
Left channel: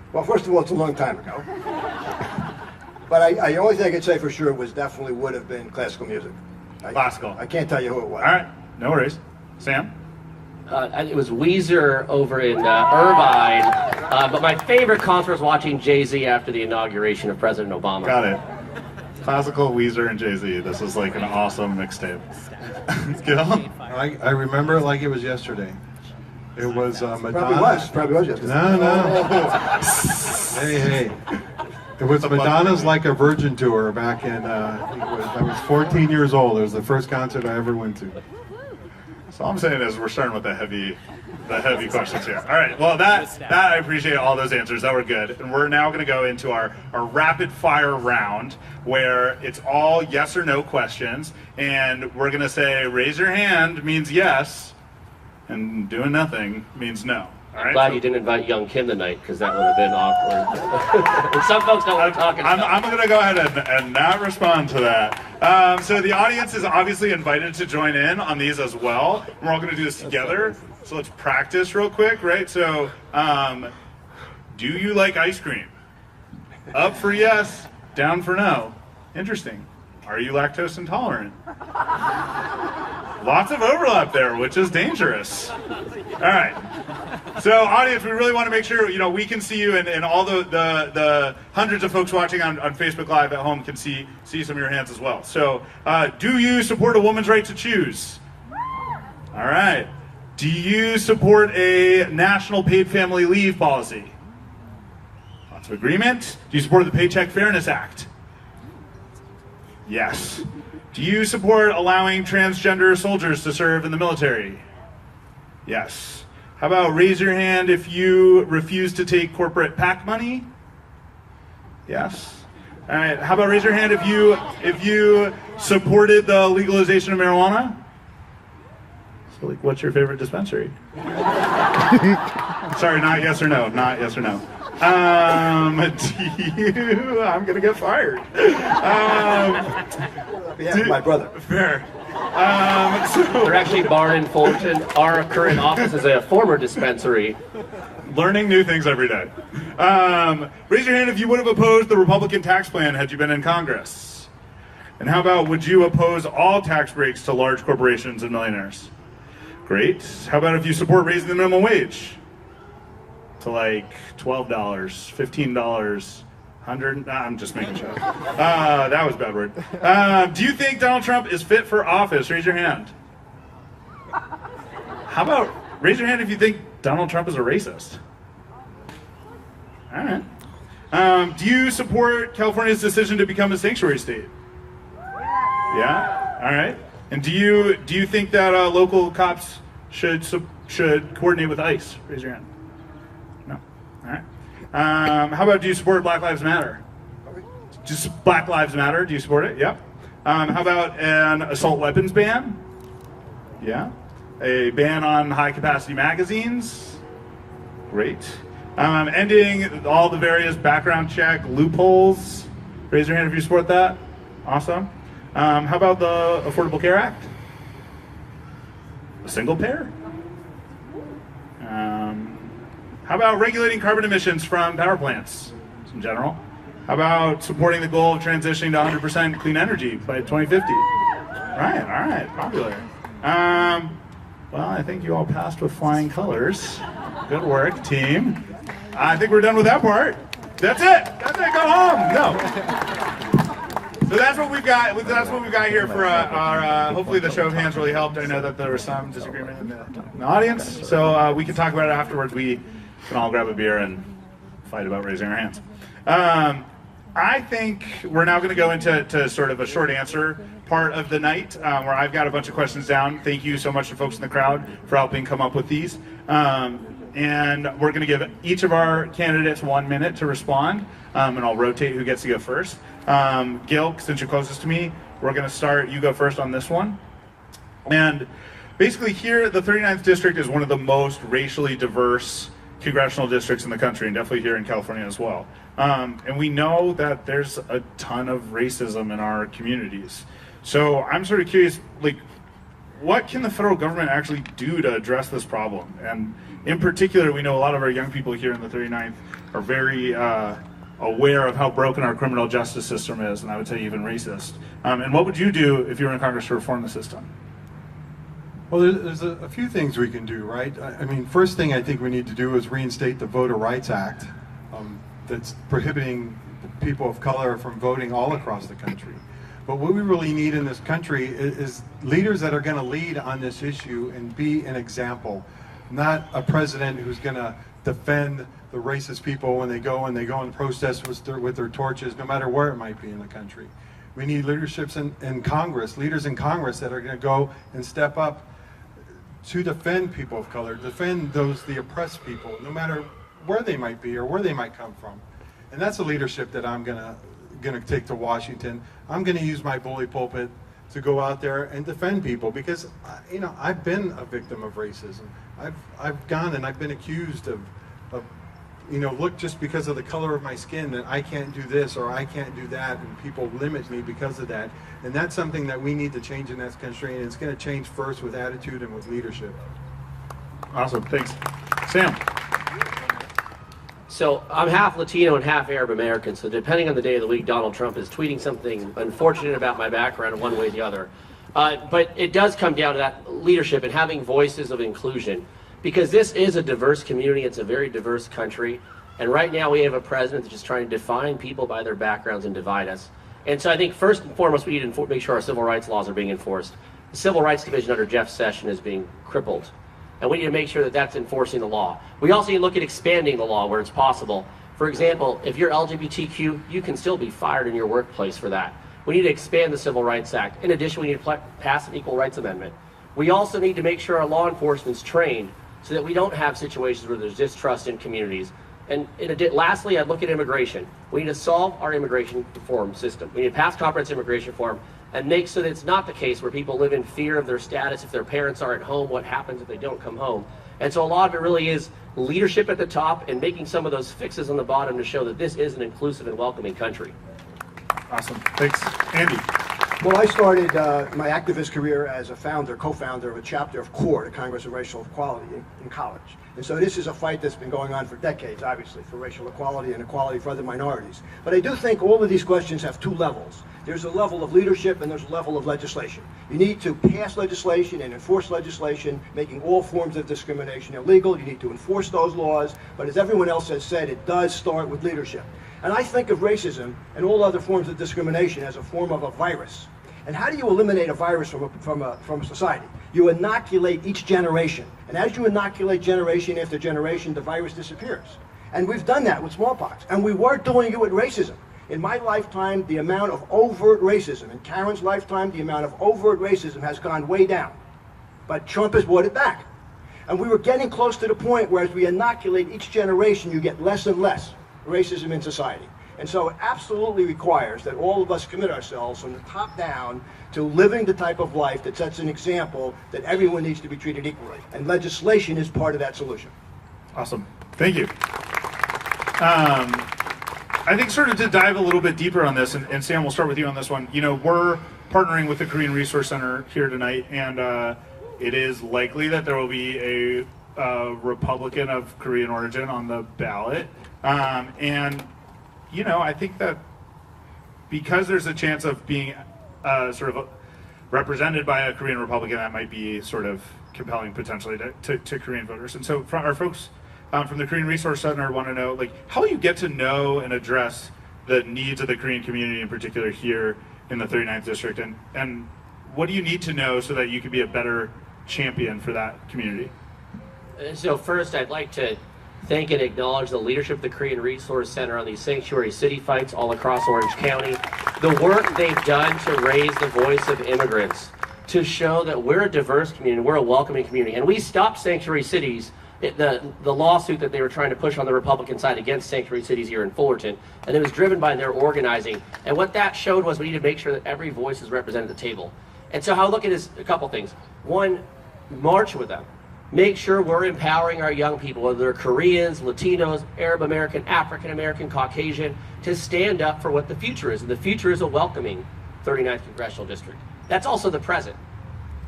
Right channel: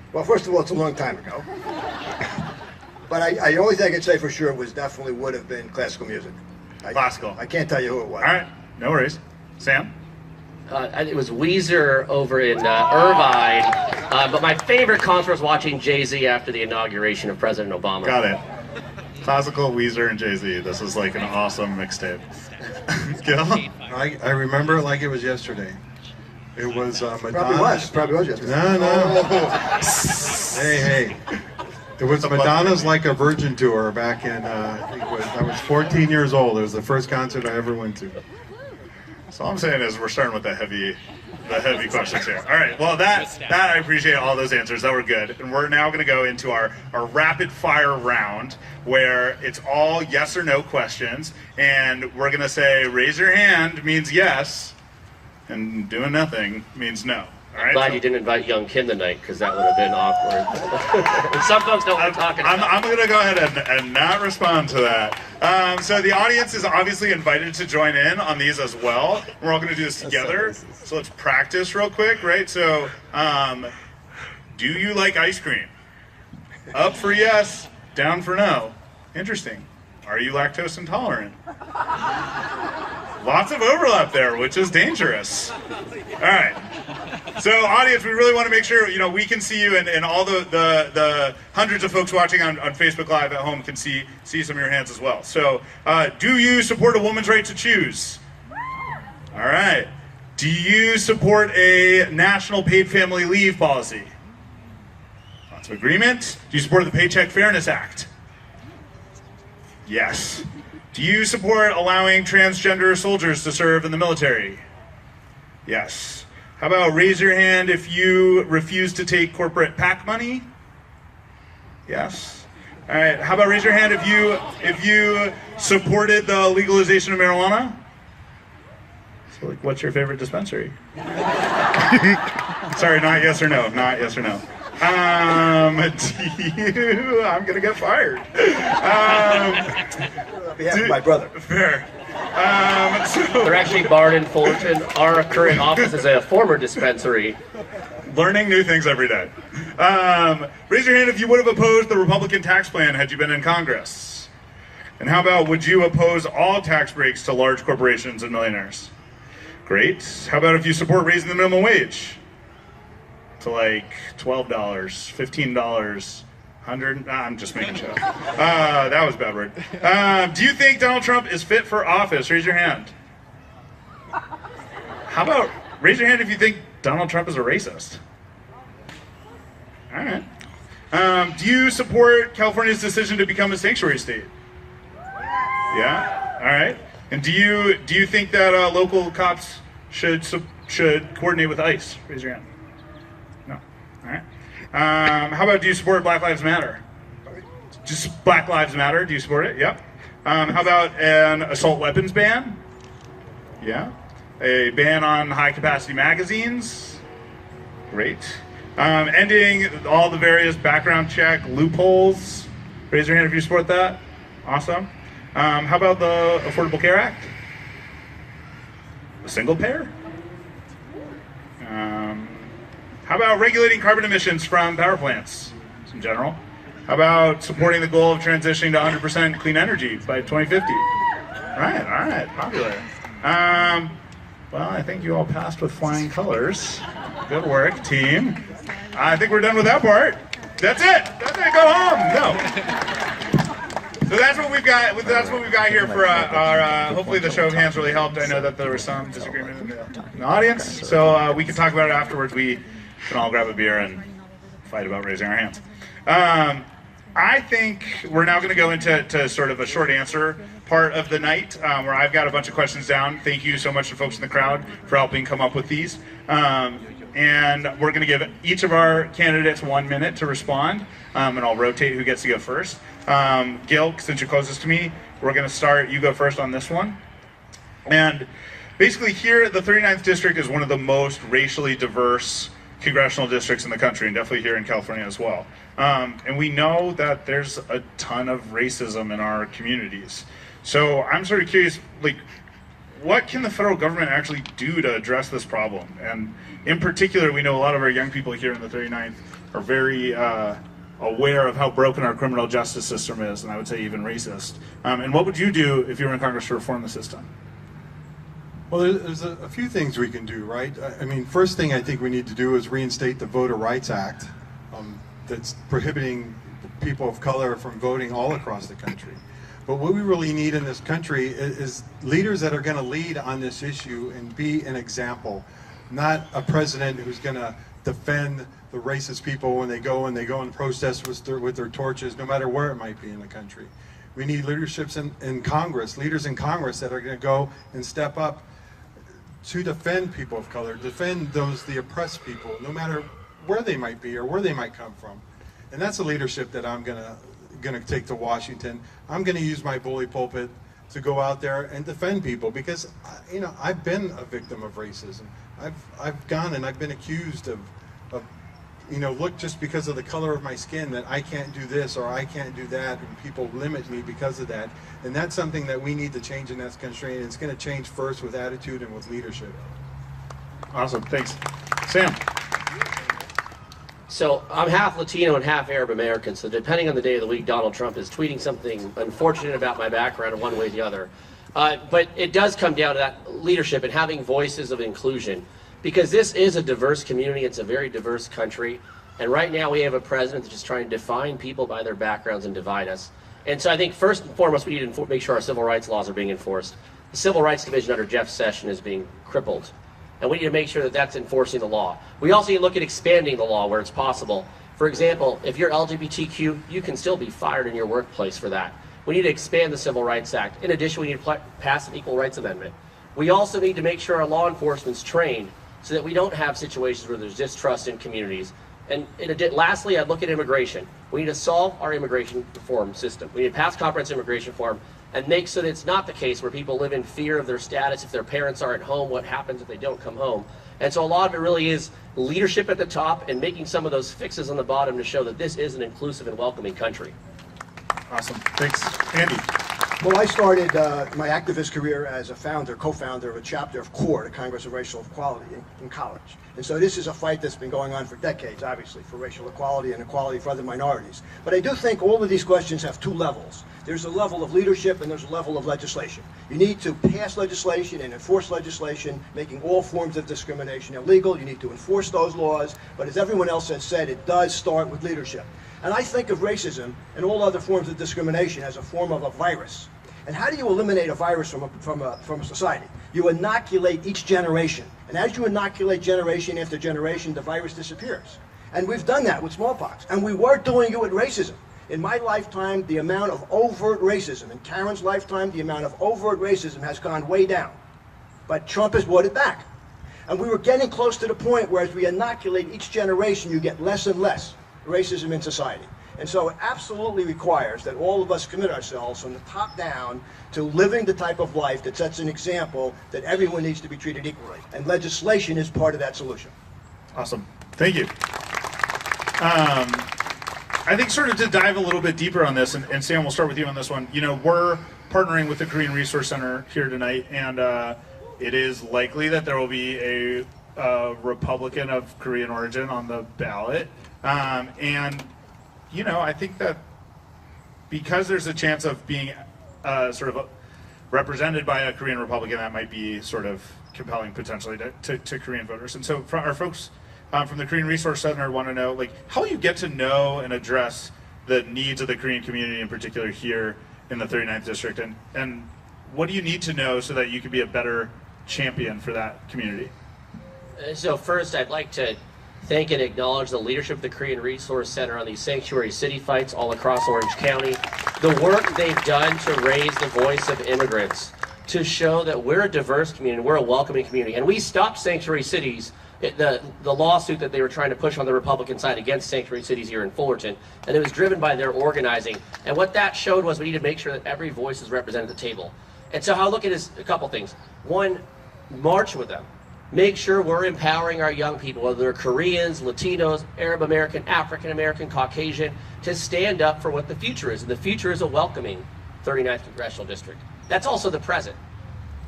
Well, first of all, it's a long time ago. But the only thing I can say for sure was definitely would have been classical music. Classical. I can't tell you who it was. All right, no worries. Sam? It was Weezer over in Irvine, but my favorite concert was watching Jay-Z after the inauguration of President Obama. Got it. Classical, Weezer, and Jay-Z. This is like an awesome mixtape. Gil? I remember it like it was yesterday. It was Madonna. Probably was yesterday. No. Hey. It was Madonna's Like a Virgin tour back in, I was 14 years old. It was the first concert I ever went to. So all I'm saying is we're starting with the heavy questions here. All right, well that I appreciate all those answers. That were good. And we're now going to go into our rapid fire round where it's all yes or no questions. And we're going to say raise your hand means yes and doing nothing means no. All right, Glad you didn't invite young Kim tonight, because that would have been awkward. Some folks know what I'm talking about. I'm going to go ahead and not respond to that. So the audience is obviously invited to join in on these as well. We're all going to do this together. So let's practice real quick, right? So, do you like ice cream? Up for yes, down for no. Interesting. Are you lactose intolerant? Lots of overlap there, which is dangerous. All right. So, audience, we really want to make sure we can see you, and all the hundreds of folks watching on Facebook Live at home can see some of your hands as well. So, do you support a woman's right to choose? All right. Do you support a national paid family leave policy? Lots of agreement. Do you support the Paycheck Fairness Act? Yes. Do you support allowing transgender soldiers to serve in the military? Yes. How about raise your hand if you refuse to take corporate PAC money? Yes. All right. How about raise your hand if you supported the legalization of marijuana? So, like, what's your favorite dispensary? Sorry, not yes or no. Not yes or no. Do you? I'm gonna get fired. My brother. Fair. They're actually barred in Fullerton. Our current office is a former dispensary. Learning new things every day. Raise your hand if you would have opposed the Republican tax plan had you been in Congress. And how about, would you oppose all tax breaks to large corporations and millionaires? Great. How about if you support raising the minimum wage to like $12, $15, $100? I'm just making sure. That was a bad word. Do you think Donald Trump is fit for office? Raise your hand. How about raise your hand if you think Donald Trump is a racist? All right. Do you support California's decision to become a sanctuary state? Yeah. All right. And do you think that local cops should coordinate with ICE? Raise your hand. No. All right. How about, do you support Black Lives Matter? Just Black Lives Matter. Do you support it? Yep. How about an assault weapons ban? Yeah. A ban on high-capacity magazines? Great. Ending all the various background check loopholes? Raise your hand if you support that. Awesome. How about the Affordable Care Act? A single payer? How about regulating carbon emissions from power plants in general? How about supporting the goal of transitioning to 100% clean energy by 2050? All right, popular. Well, I think you all passed with flying colors. Good work, team. I think we're done with that part. That's it. Go home. Go. So that's what we've got. That's what we've got here for our. Hopefully, the show of hands really helped. I know that there was some disagreement in the audience, so we can talk about it afterwards. We can all grab a beer and fight about raising our hands. I think we're now going to go into sort of a short answer part of the night, where I've got a bunch of questions down. Thank you so much to folks in the crowd for helping come up with these. And we're going to give each of our candidates 1 minute to respond, and I'll rotate who gets to go first. Gil, since you're closest to me, we're going to start. You go first on this one. And basically here, the 39th District is one of the most racially diverse congressional districts in the country, and definitely here in California as well. And we know that there's a ton of racism in our communities. So I'm sort of curious, like, what can the federal government actually do to address this problem? And in particular, we know a lot of our young people here in the 39th are very aware of how broken our criminal justice system is, and I would say even racist. And what would you do if you were in Congress to reform the system? Well, there's a few things we can do, right? I mean, first thing I think we need to do is reinstate the Voter Rights Act that's prohibiting people of color from voting all across the country. But what we really need in this country is leaders that are going to lead on this issue and be an example, not a president who's going to defend the racist people when they go and protest with their torches, no matter where it might be in the country. We need leaderships in Congress, leaders in Congress that are going to go and step up to defend people of color, defend the oppressed people, no matter where they might be or where they might come from. And that's a leadership that I'm gonna take to Washington. I'm gonna use my bully pulpit to go out there and defend people, because I've been a victim of racism. I've gone and I've been accused of look, just because of the color of my skin, that I can't do this or I can't do that, and people limit me because of that. And that's something that we need to change in this country, and it's going to change first with attitude and with leadership. Awesome, thanks. Sam? So I'm half Latino and half Arab American, so depending on the day of the week, Donald Trump is tweeting something unfortunate about my background one way or the other. But it does come down to that leadership and having voices of inclusion, because this is a diverse community, it's a very diverse country, and right now we have a president that's just trying to define people by their backgrounds and divide us. And so I think first and foremost we need to make sure our civil rights laws are being enforced. The Civil Rights Division under Jeff Sessions is being crippled, and we need to make sure that that's enforcing the law. We also need to look at expanding the law where it's possible. For example, if you're LGBTQ, you can still be fired in your workplace for that. We need to expand the Civil Rights Act. In addition, we need to pass an Equal Rights Amendment. We also need to make sure our law enforcement's trained so that we don't have situations where there's distrust in communities. And lastly, I'd look at immigration. We need to solve our immigration reform system. We need to pass comprehensive immigration reform and make so that it's not the case where people live in fear of their status. If their parents are at home, what happens if they don't come home? And so a lot of it really is leadership at the top and making some of those fixes on the bottom to show that this is an inclusive and welcoming country. Awesome, thanks. Andy? Well, I started my activist career as a co-founder of a chapter of CORE, the Congress of Racial Equality, in college. And so this is a fight that's been going on for decades, obviously, for racial equality and equality for other minorities. But I do think all of these questions have two levels. There's a level of leadership and there's a level of legislation. You need to pass legislation and enforce legislation, making all forms of discrimination illegal. You need to enforce those laws. But as everyone else has said, it does start with leadership. And I think of racism and all other forms of discrimination as a form of a virus. And how do you eliminate a virus from a society? You inoculate each generation. And as you inoculate generation after generation, the virus disappears. And we've done that with smallpox. And we were doing it with racism. In my lifetime, the amount of overt racism, in Karen's lifetime, the amount of overt racism has gone way down. But Trump has brought it back. And we were getting close to the point where as we inoculate each generation, you get less and less racism in society. And so it absolutely requires that all of us commit ourselves from the top down to living the type of life that sets an example that everyone needs to be treated equally. And legislation is part of that solution. Awesome. Thank you. I think sort of to dive a little bit deeper on this, and Sam, we'll start with you on this one. We're partnering with the Korean Resource Center here tonight, and it is likely that there will be a Republican of Korean origin on the ballot. I think that because there's a chance of being sort of represented by a Korean Republican, that might be sort of compelling potentially to Korean voters. And so our folks from the Korean Resource Center want to know, how will you get to know and address the needs of the Korean community in particular here in the 39th District? And what do you need to know so that you can be a better champion for that community? So first, I'd like to thank and acknowledge the leadership of the Korean Resource Center on these sanctuary city fights all across Orange County. The work they've done to raise the voice of immigrants, to show that we're a diverse community, we're a welcoming community. And we stopped sanctuary cities, the lawsuit that they were trying to push on the Republican side against sanctuary cities here in Fullerton, and it was driven by their organizing. And what that showed was we need to make sure that every voice is represented at the table. And so how I look at it is a couple things. One, march with them. Make sure we're empowering our young people, whether they're Koreans, Latinos, Arab American, African American, Caucasian, to stand up for what the future is. And the future is a welcoming 39th Congressional District. That's also the present.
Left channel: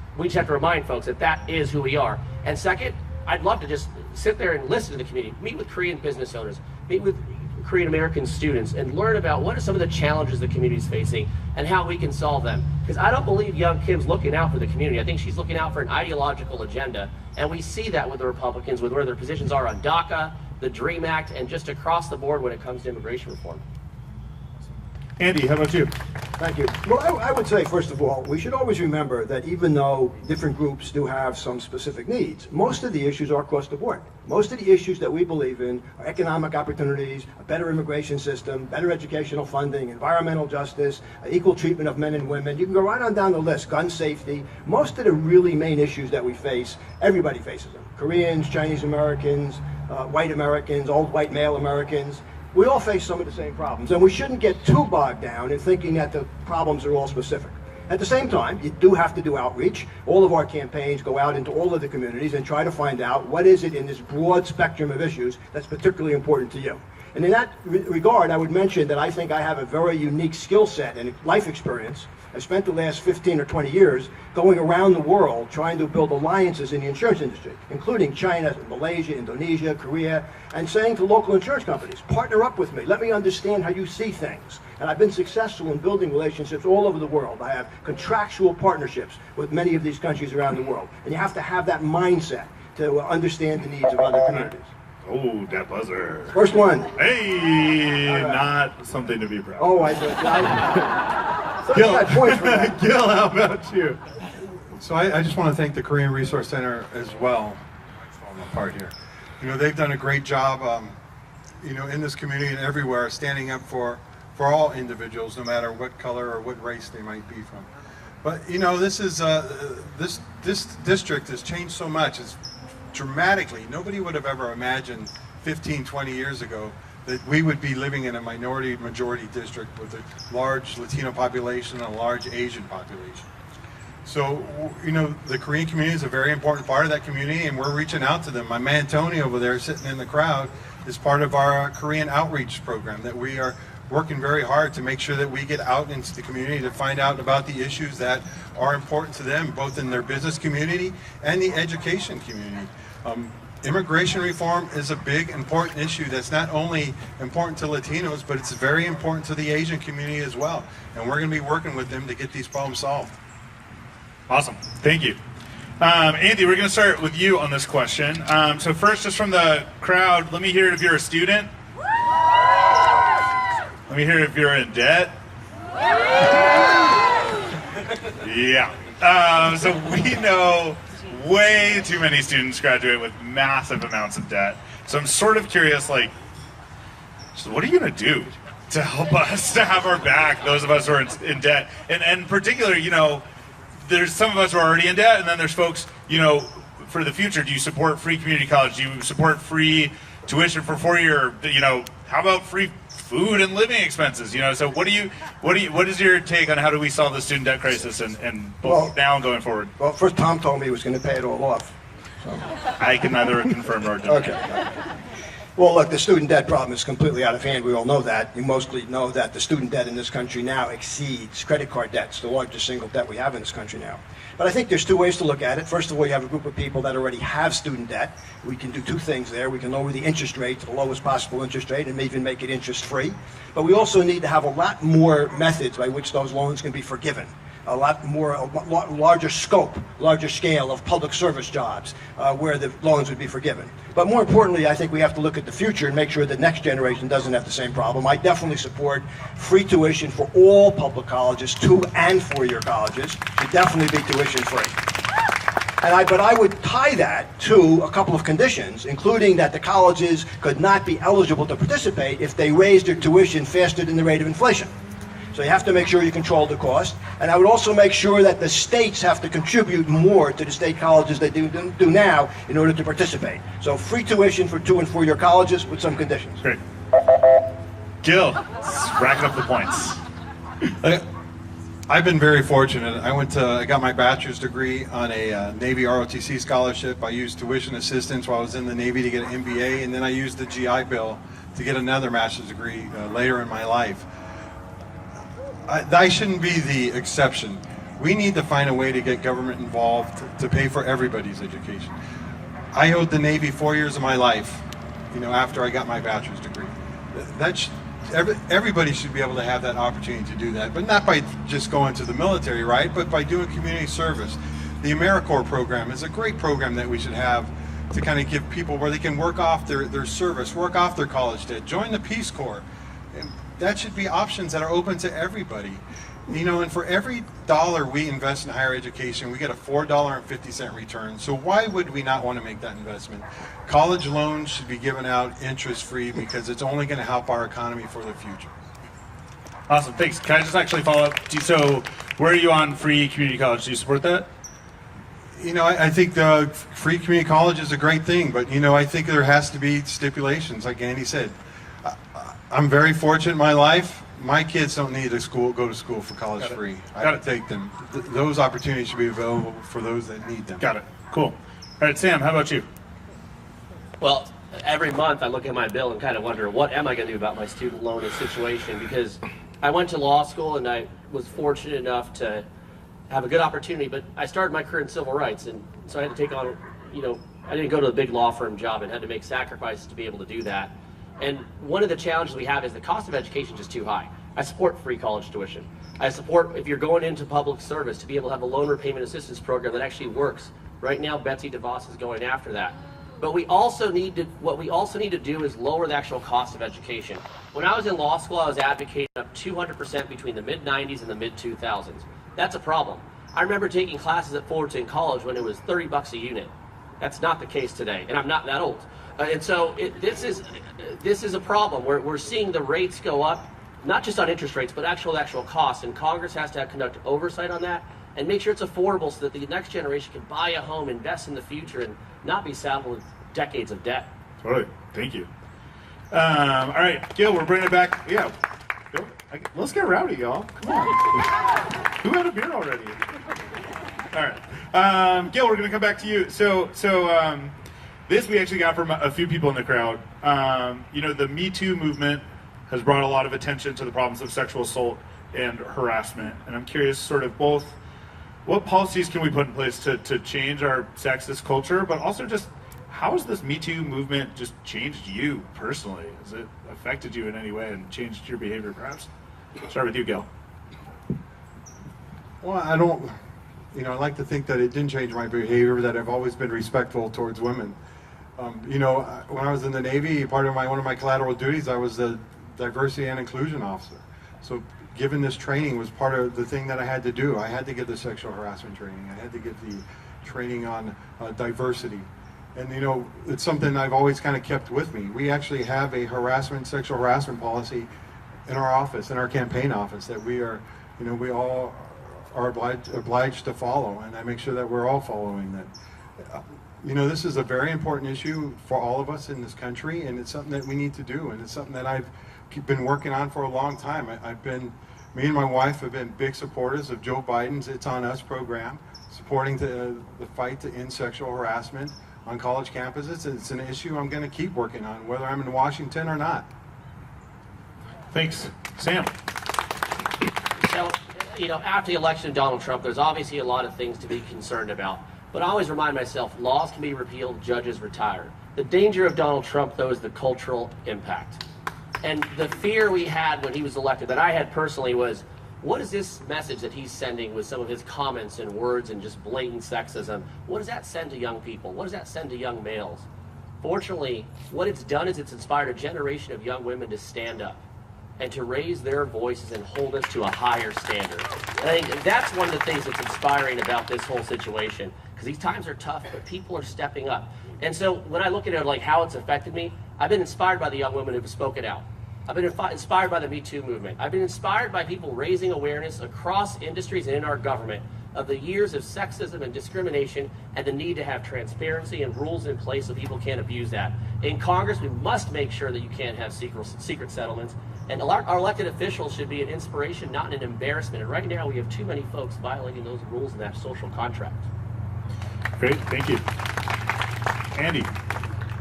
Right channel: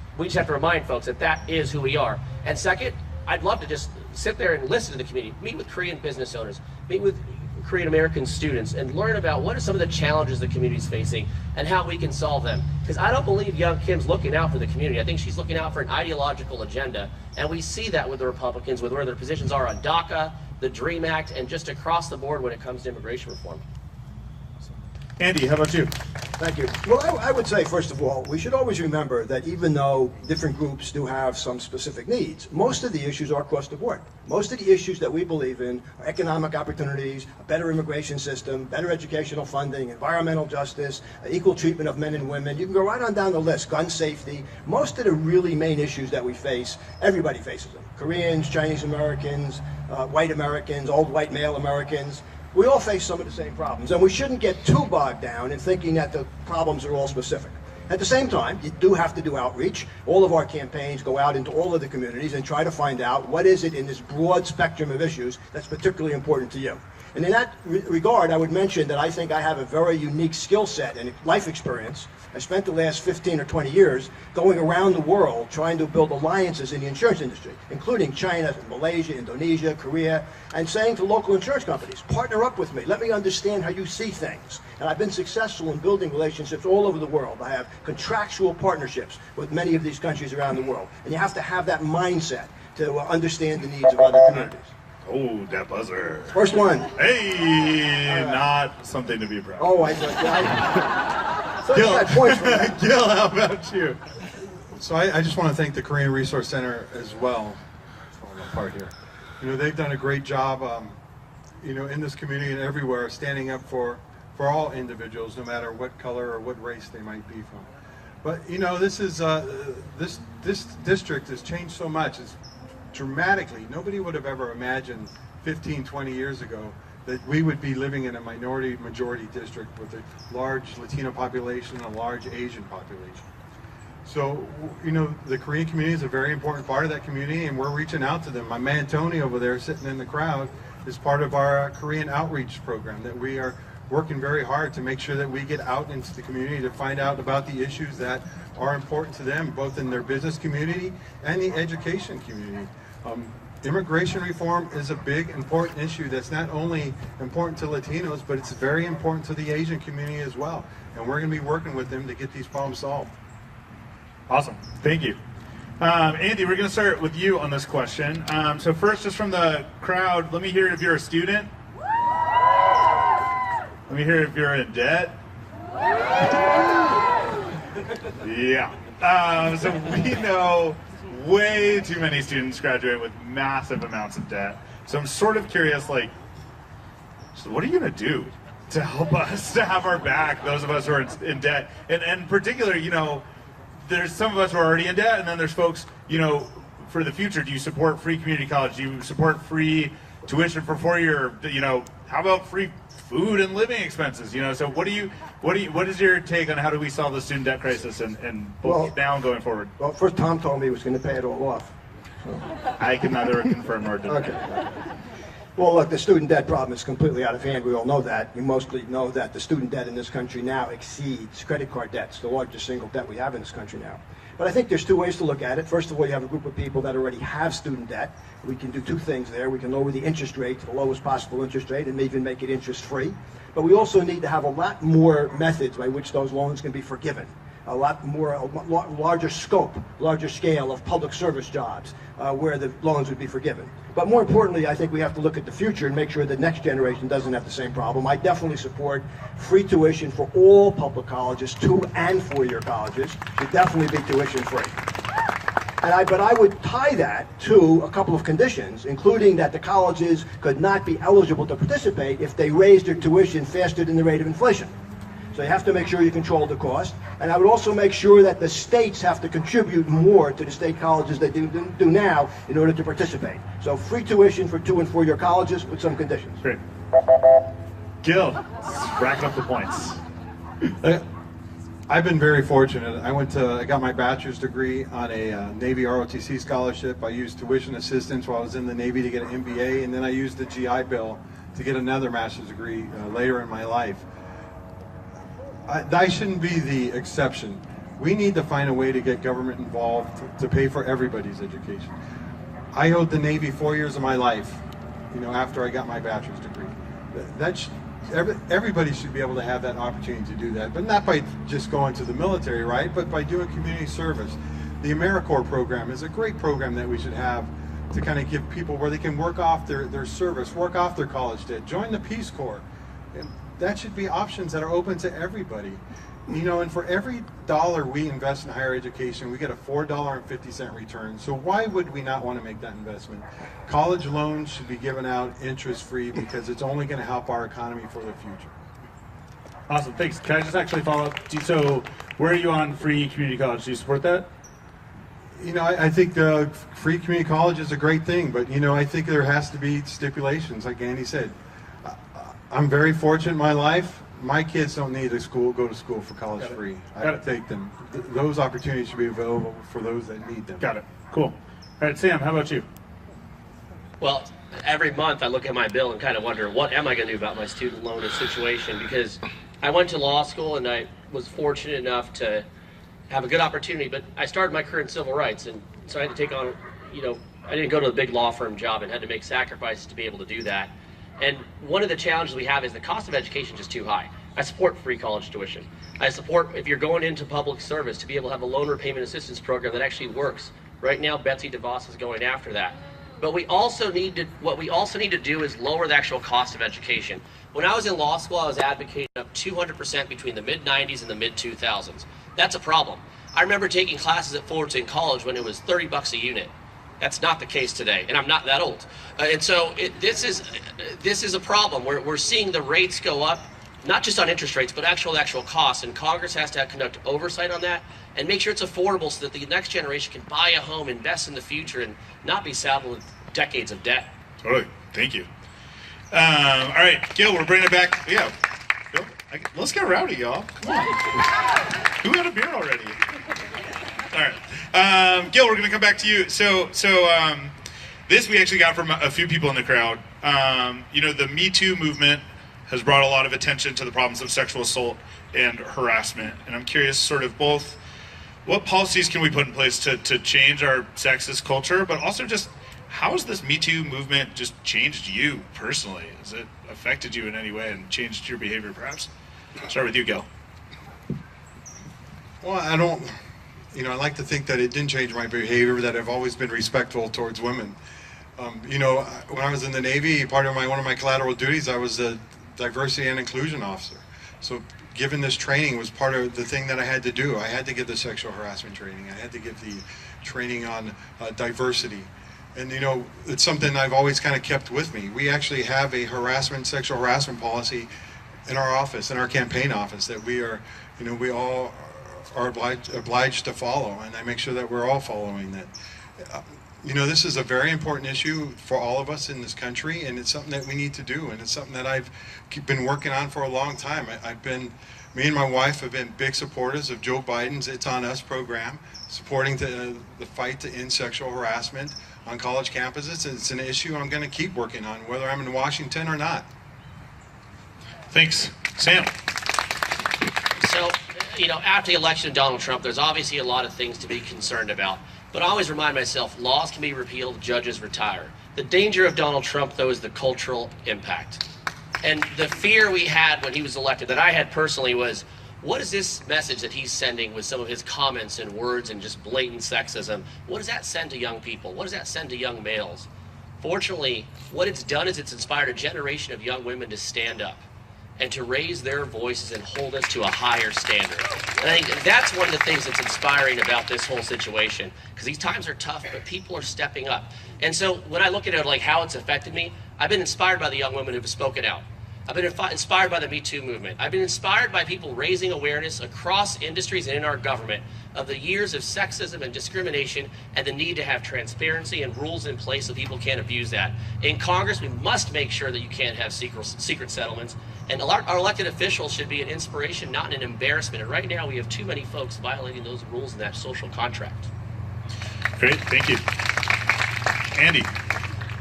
we just have to remind folks that that is who we are. And second, I'd love to just sit there and listen to the community, meet with Korean business owners, meet with Korean American students, and learn about what are some of the challenges the community is facing and how we can solve them. Because I don't believe young Kim's looking out for the community. I think she's looking out for an ideological agenda. And we see that with the Republicans, with where their positions are on DACA, the DREAM Act, and just across the board when it comes to immigration reform. Andy, how about you? Thank you. Well, I would say, first of all, we should always remember that even though different groups do have some specific needs, most of the issues are across the board. Most of the issues that we believe in are economic opportunities, a better immigration system, better educational funding, environmental justice, equal treatment of men and women. You can go right on down the list, gun safety. Most of the really main issues that we face, everybody faces them. Koreans, Chinese Americans, white Americans, old white male Americans. We all face some of the same problems, and we shouldn't get too bogged down in thinking that the problems are all specific. At the same time, you do have to do outreach. All of our campaigns go out into all of the communities and try to find out what is it in this broad spectrum of issues that's particularly important to you. And in that regard, I would mention that I think I have a very unique skill set and life experience. I spent the last 15 or 20 years going around the world trying to build alliances in the insurance industry, including China, Malaysia, Indonesia, Korea, and saying to local insurance companies, partner up with me, let me understand how you see things. And I've been successful in building relationships all over the world. I have contractual partnerships with many of these countries around the world. And you have to have that mindset to understand the needs of other communities. Oh, that buzzer. First one. Hey, not something to be proud of. Oh, I did. Gil, points for that. Gil, how about you? So I just want to thank the Korean Resource Center as well. It's falling apart here. You know, they've done a great job, you know, in this community and everywhere, standing up for all individuals, no matter what color or what race they might be from. But you know, this is this district has changed so much. It's dramatically. Nobody would have ever imagined 15, 20 years ago that we would be living in a majority district with a large Latino population and a large Asian population. So, you know, the Korean community is a very important part of that community, and we're reaching out to them. My man Tony over there sitting in the crowd is part of our Korean outreach program that we are working very hard to make sure that we get out into the community to find out about the issues that are important to them, both in their business community and the education community. Immigration reform is a big, important issue that's not only important to Latinos, but it's very important to the Asian community as well. And we're going to be working with them to get these problems solved. Awesome. Thank you. Andy, we're going to start with you on this question. So first, just from the crowd, let me hear if you're a student. Let me hear if you're in debt. Yeah. So we know way too many students graduate with massive amounts of debt. So I'm sort of curious, like, what are you going to do to help us to have our back, those of us who are in debt? And in particular, you know, there's some of us who are already in debt, and then there's folks, you know, for the future, do you support free community college? Do you support free tuition for 4-year, you know, how about free food and living expenses? You know, so what is your take on how do we solve the student debt crisis and now going forward? Well, first Tom told me he was going to pay it all off. So. I can neither confirm nor deny. Okay. Well, look, the student debt problem is completely out of hand. We all know that. You mostly know that the student debt in this country now exceeds credit card debts, the largest single debt we have in this country now. But I think there's two ways to look at it. First of all, you have a group of people that already have student debt. We can do two things there. We can lower the interest rate to the lowest possible interest rate and even make it interest-free. But we also need to have a lot more methods by which those loans can be forgiven. A lot larger scope, larger scale of public service jobs where the loans would be forgiven. But more importantly, I think we have to look at the future and make sure the next generation doesn't have the same problem. I definitely support free tuition for all public colleges, 2- and 4-year colleges. Should definitely be tuition free. But I would tie that to a couple of conditions, including that the colleges could not be eligible to participate if they raised their tuition faster than the rate of inflation. So you have to make sure you control the cost. And I would also make sure that the states have to contribute more to the state colleges they do now in order to participate. So free tuition for 2- and 4-year colleges with some conditions. Great. Gil, racking up the points. I've been very fortunate. I got my bachelor's degree on a Navy ROTC scholarship. I used tuition assistance while I was in the Navy to get an MBA, and then I used the GI Bill to get another master's degree later in my life. I shouldn't be the exception. We need to find a way to get government involved to pay for everybody's education. I owed the Navy 4 years of my life, after I got my bachelor's degree. Everybody should be able to have that opportunity to do that, but not by just going to the military, right? But by doing community service. The AmeriCorps program is a great program that we should have to kind of give people where they can work off their service, work off their college debt, join the Peace Corps. And that should be options that are open to everybody. And for every dollar we invest in higher education, we get a $4.50 return. So why would we not want to make that investment? College loans should be given out interest-free because it's only going to help our economy for the future. Awesome, thanks. Can I just actually follow up? So where are you on free community college? Do you support that? I think the free community college is a great thing, but I think there has to be stipulations, like Andy said. I'm very fortunate in my life. My kids don't need go to school for college free. I take them. Those opportunities should be available for those that need them. Got it. Cool. All right, Sam, how about you? Well, every month I look at my bill and kind of wonder, what am I going to do about my student loan situation? Because I went to law school and I was fortunate enough to have a good opportunity, but I started my career in civil rights, and so I had to take on, I didn't go to a big law firm job and had to make sacrifices to be able to do that. And one of the challenges we have is the cost of education is just too high. I support free college tuition. I support, if you're going into public service, to be able to have a loan repayment assistance program that actually works. Right now, Betsy DeVos is going after that. But what we also need to do is lower the actual cost of education. When I was in law school, I was advocating up 200% between the mid-90s and the mid-2000s. That's a problem. I remember taking classes at Fullerton College when it was $30 a unit. That's not the case today, and I'm not that old. And so this is a problem. We're seeing the rates go up, not just on interest rates, but actual costs, and Congress has to conduct oversight on that and make sure it's affordable so that the next generation can buy a home, invest in the future, and not be saddled with decades of debt. Totally. Thank you. All right, Gil, we're bringing it back. Yeah. Gil, let's get rowdy, y'all. Come on. Who had a beer already? All right. Gil, we're going to come back to you. So this we actually got from a few people in the crowd. The Me Too movement has brought a lot of attention to the problems of sexual assault and harassment. And I'm curious sort of both what policies can we put in place to change our sexist culture, but also just how has this Me Too movement just changed you personally? Has it affected you in any way and changed your behavior perhaps? Start with you, Gil. Well, I like to think that it didn't change my behavior, that I've always been respectful towards women. When I was in the Navy, one of my collateral duties, I was a diversity and inclusion officer. So given this training was part of the thing that I had to do. I had to get the sexual harassment training. I had to get the training on diversity. And it's something I've always kind of kept with me. We actually have a sexual harassment policy in our office, in our campaign office, that we all are obliged to follow, and I make sure that we're all following that. This is a very important issue for all of us in this country, and it's something that we need to do, and it's something that I've been working on for a long time. Me and my wife have been big supporters of Joe Biden's It's On Us program, supporting the fight to end sexual harassment on college campuses. It's an issue I'm going to keep working on, whether I'm in Washington or not. Thanks. Sam. So, after the election of Donald Trump, there's obviously a lot of things to be concerned about. But I always remind myself, laws can be repealed, judges retire. The danger of Donald Trump, though, is the cultural impact. And the fear we had when he was elected, that I had personally, was, what is this message that he's sending with some of his comments and words and just blatant sexism? What does that send to young people? What does that send to young males? Fortunately, what it's done is it's inspired a generation of young women to stand up and to raise their voices and hold us to a higher standard. And I think that's one of the things that's inspiring about this whole situation, because these times are tough, but people are stepping up. And so when I look at it like how it's affected me, I've been inspired by the young women who've spoken out. I've been inspired by the Me Too movement. I've been inspired by people raising awareness across industries and in our government of the years of sexism and discrimination and the need to have transparency and rules in place so people can't abuse that. In Congress, we must make sure that you can't have secret settlements. And our elected officials should be an inspiration, not an embarrassment. And right now, we have too many folks violating those rules in that social contract. Great, thank you. Andy.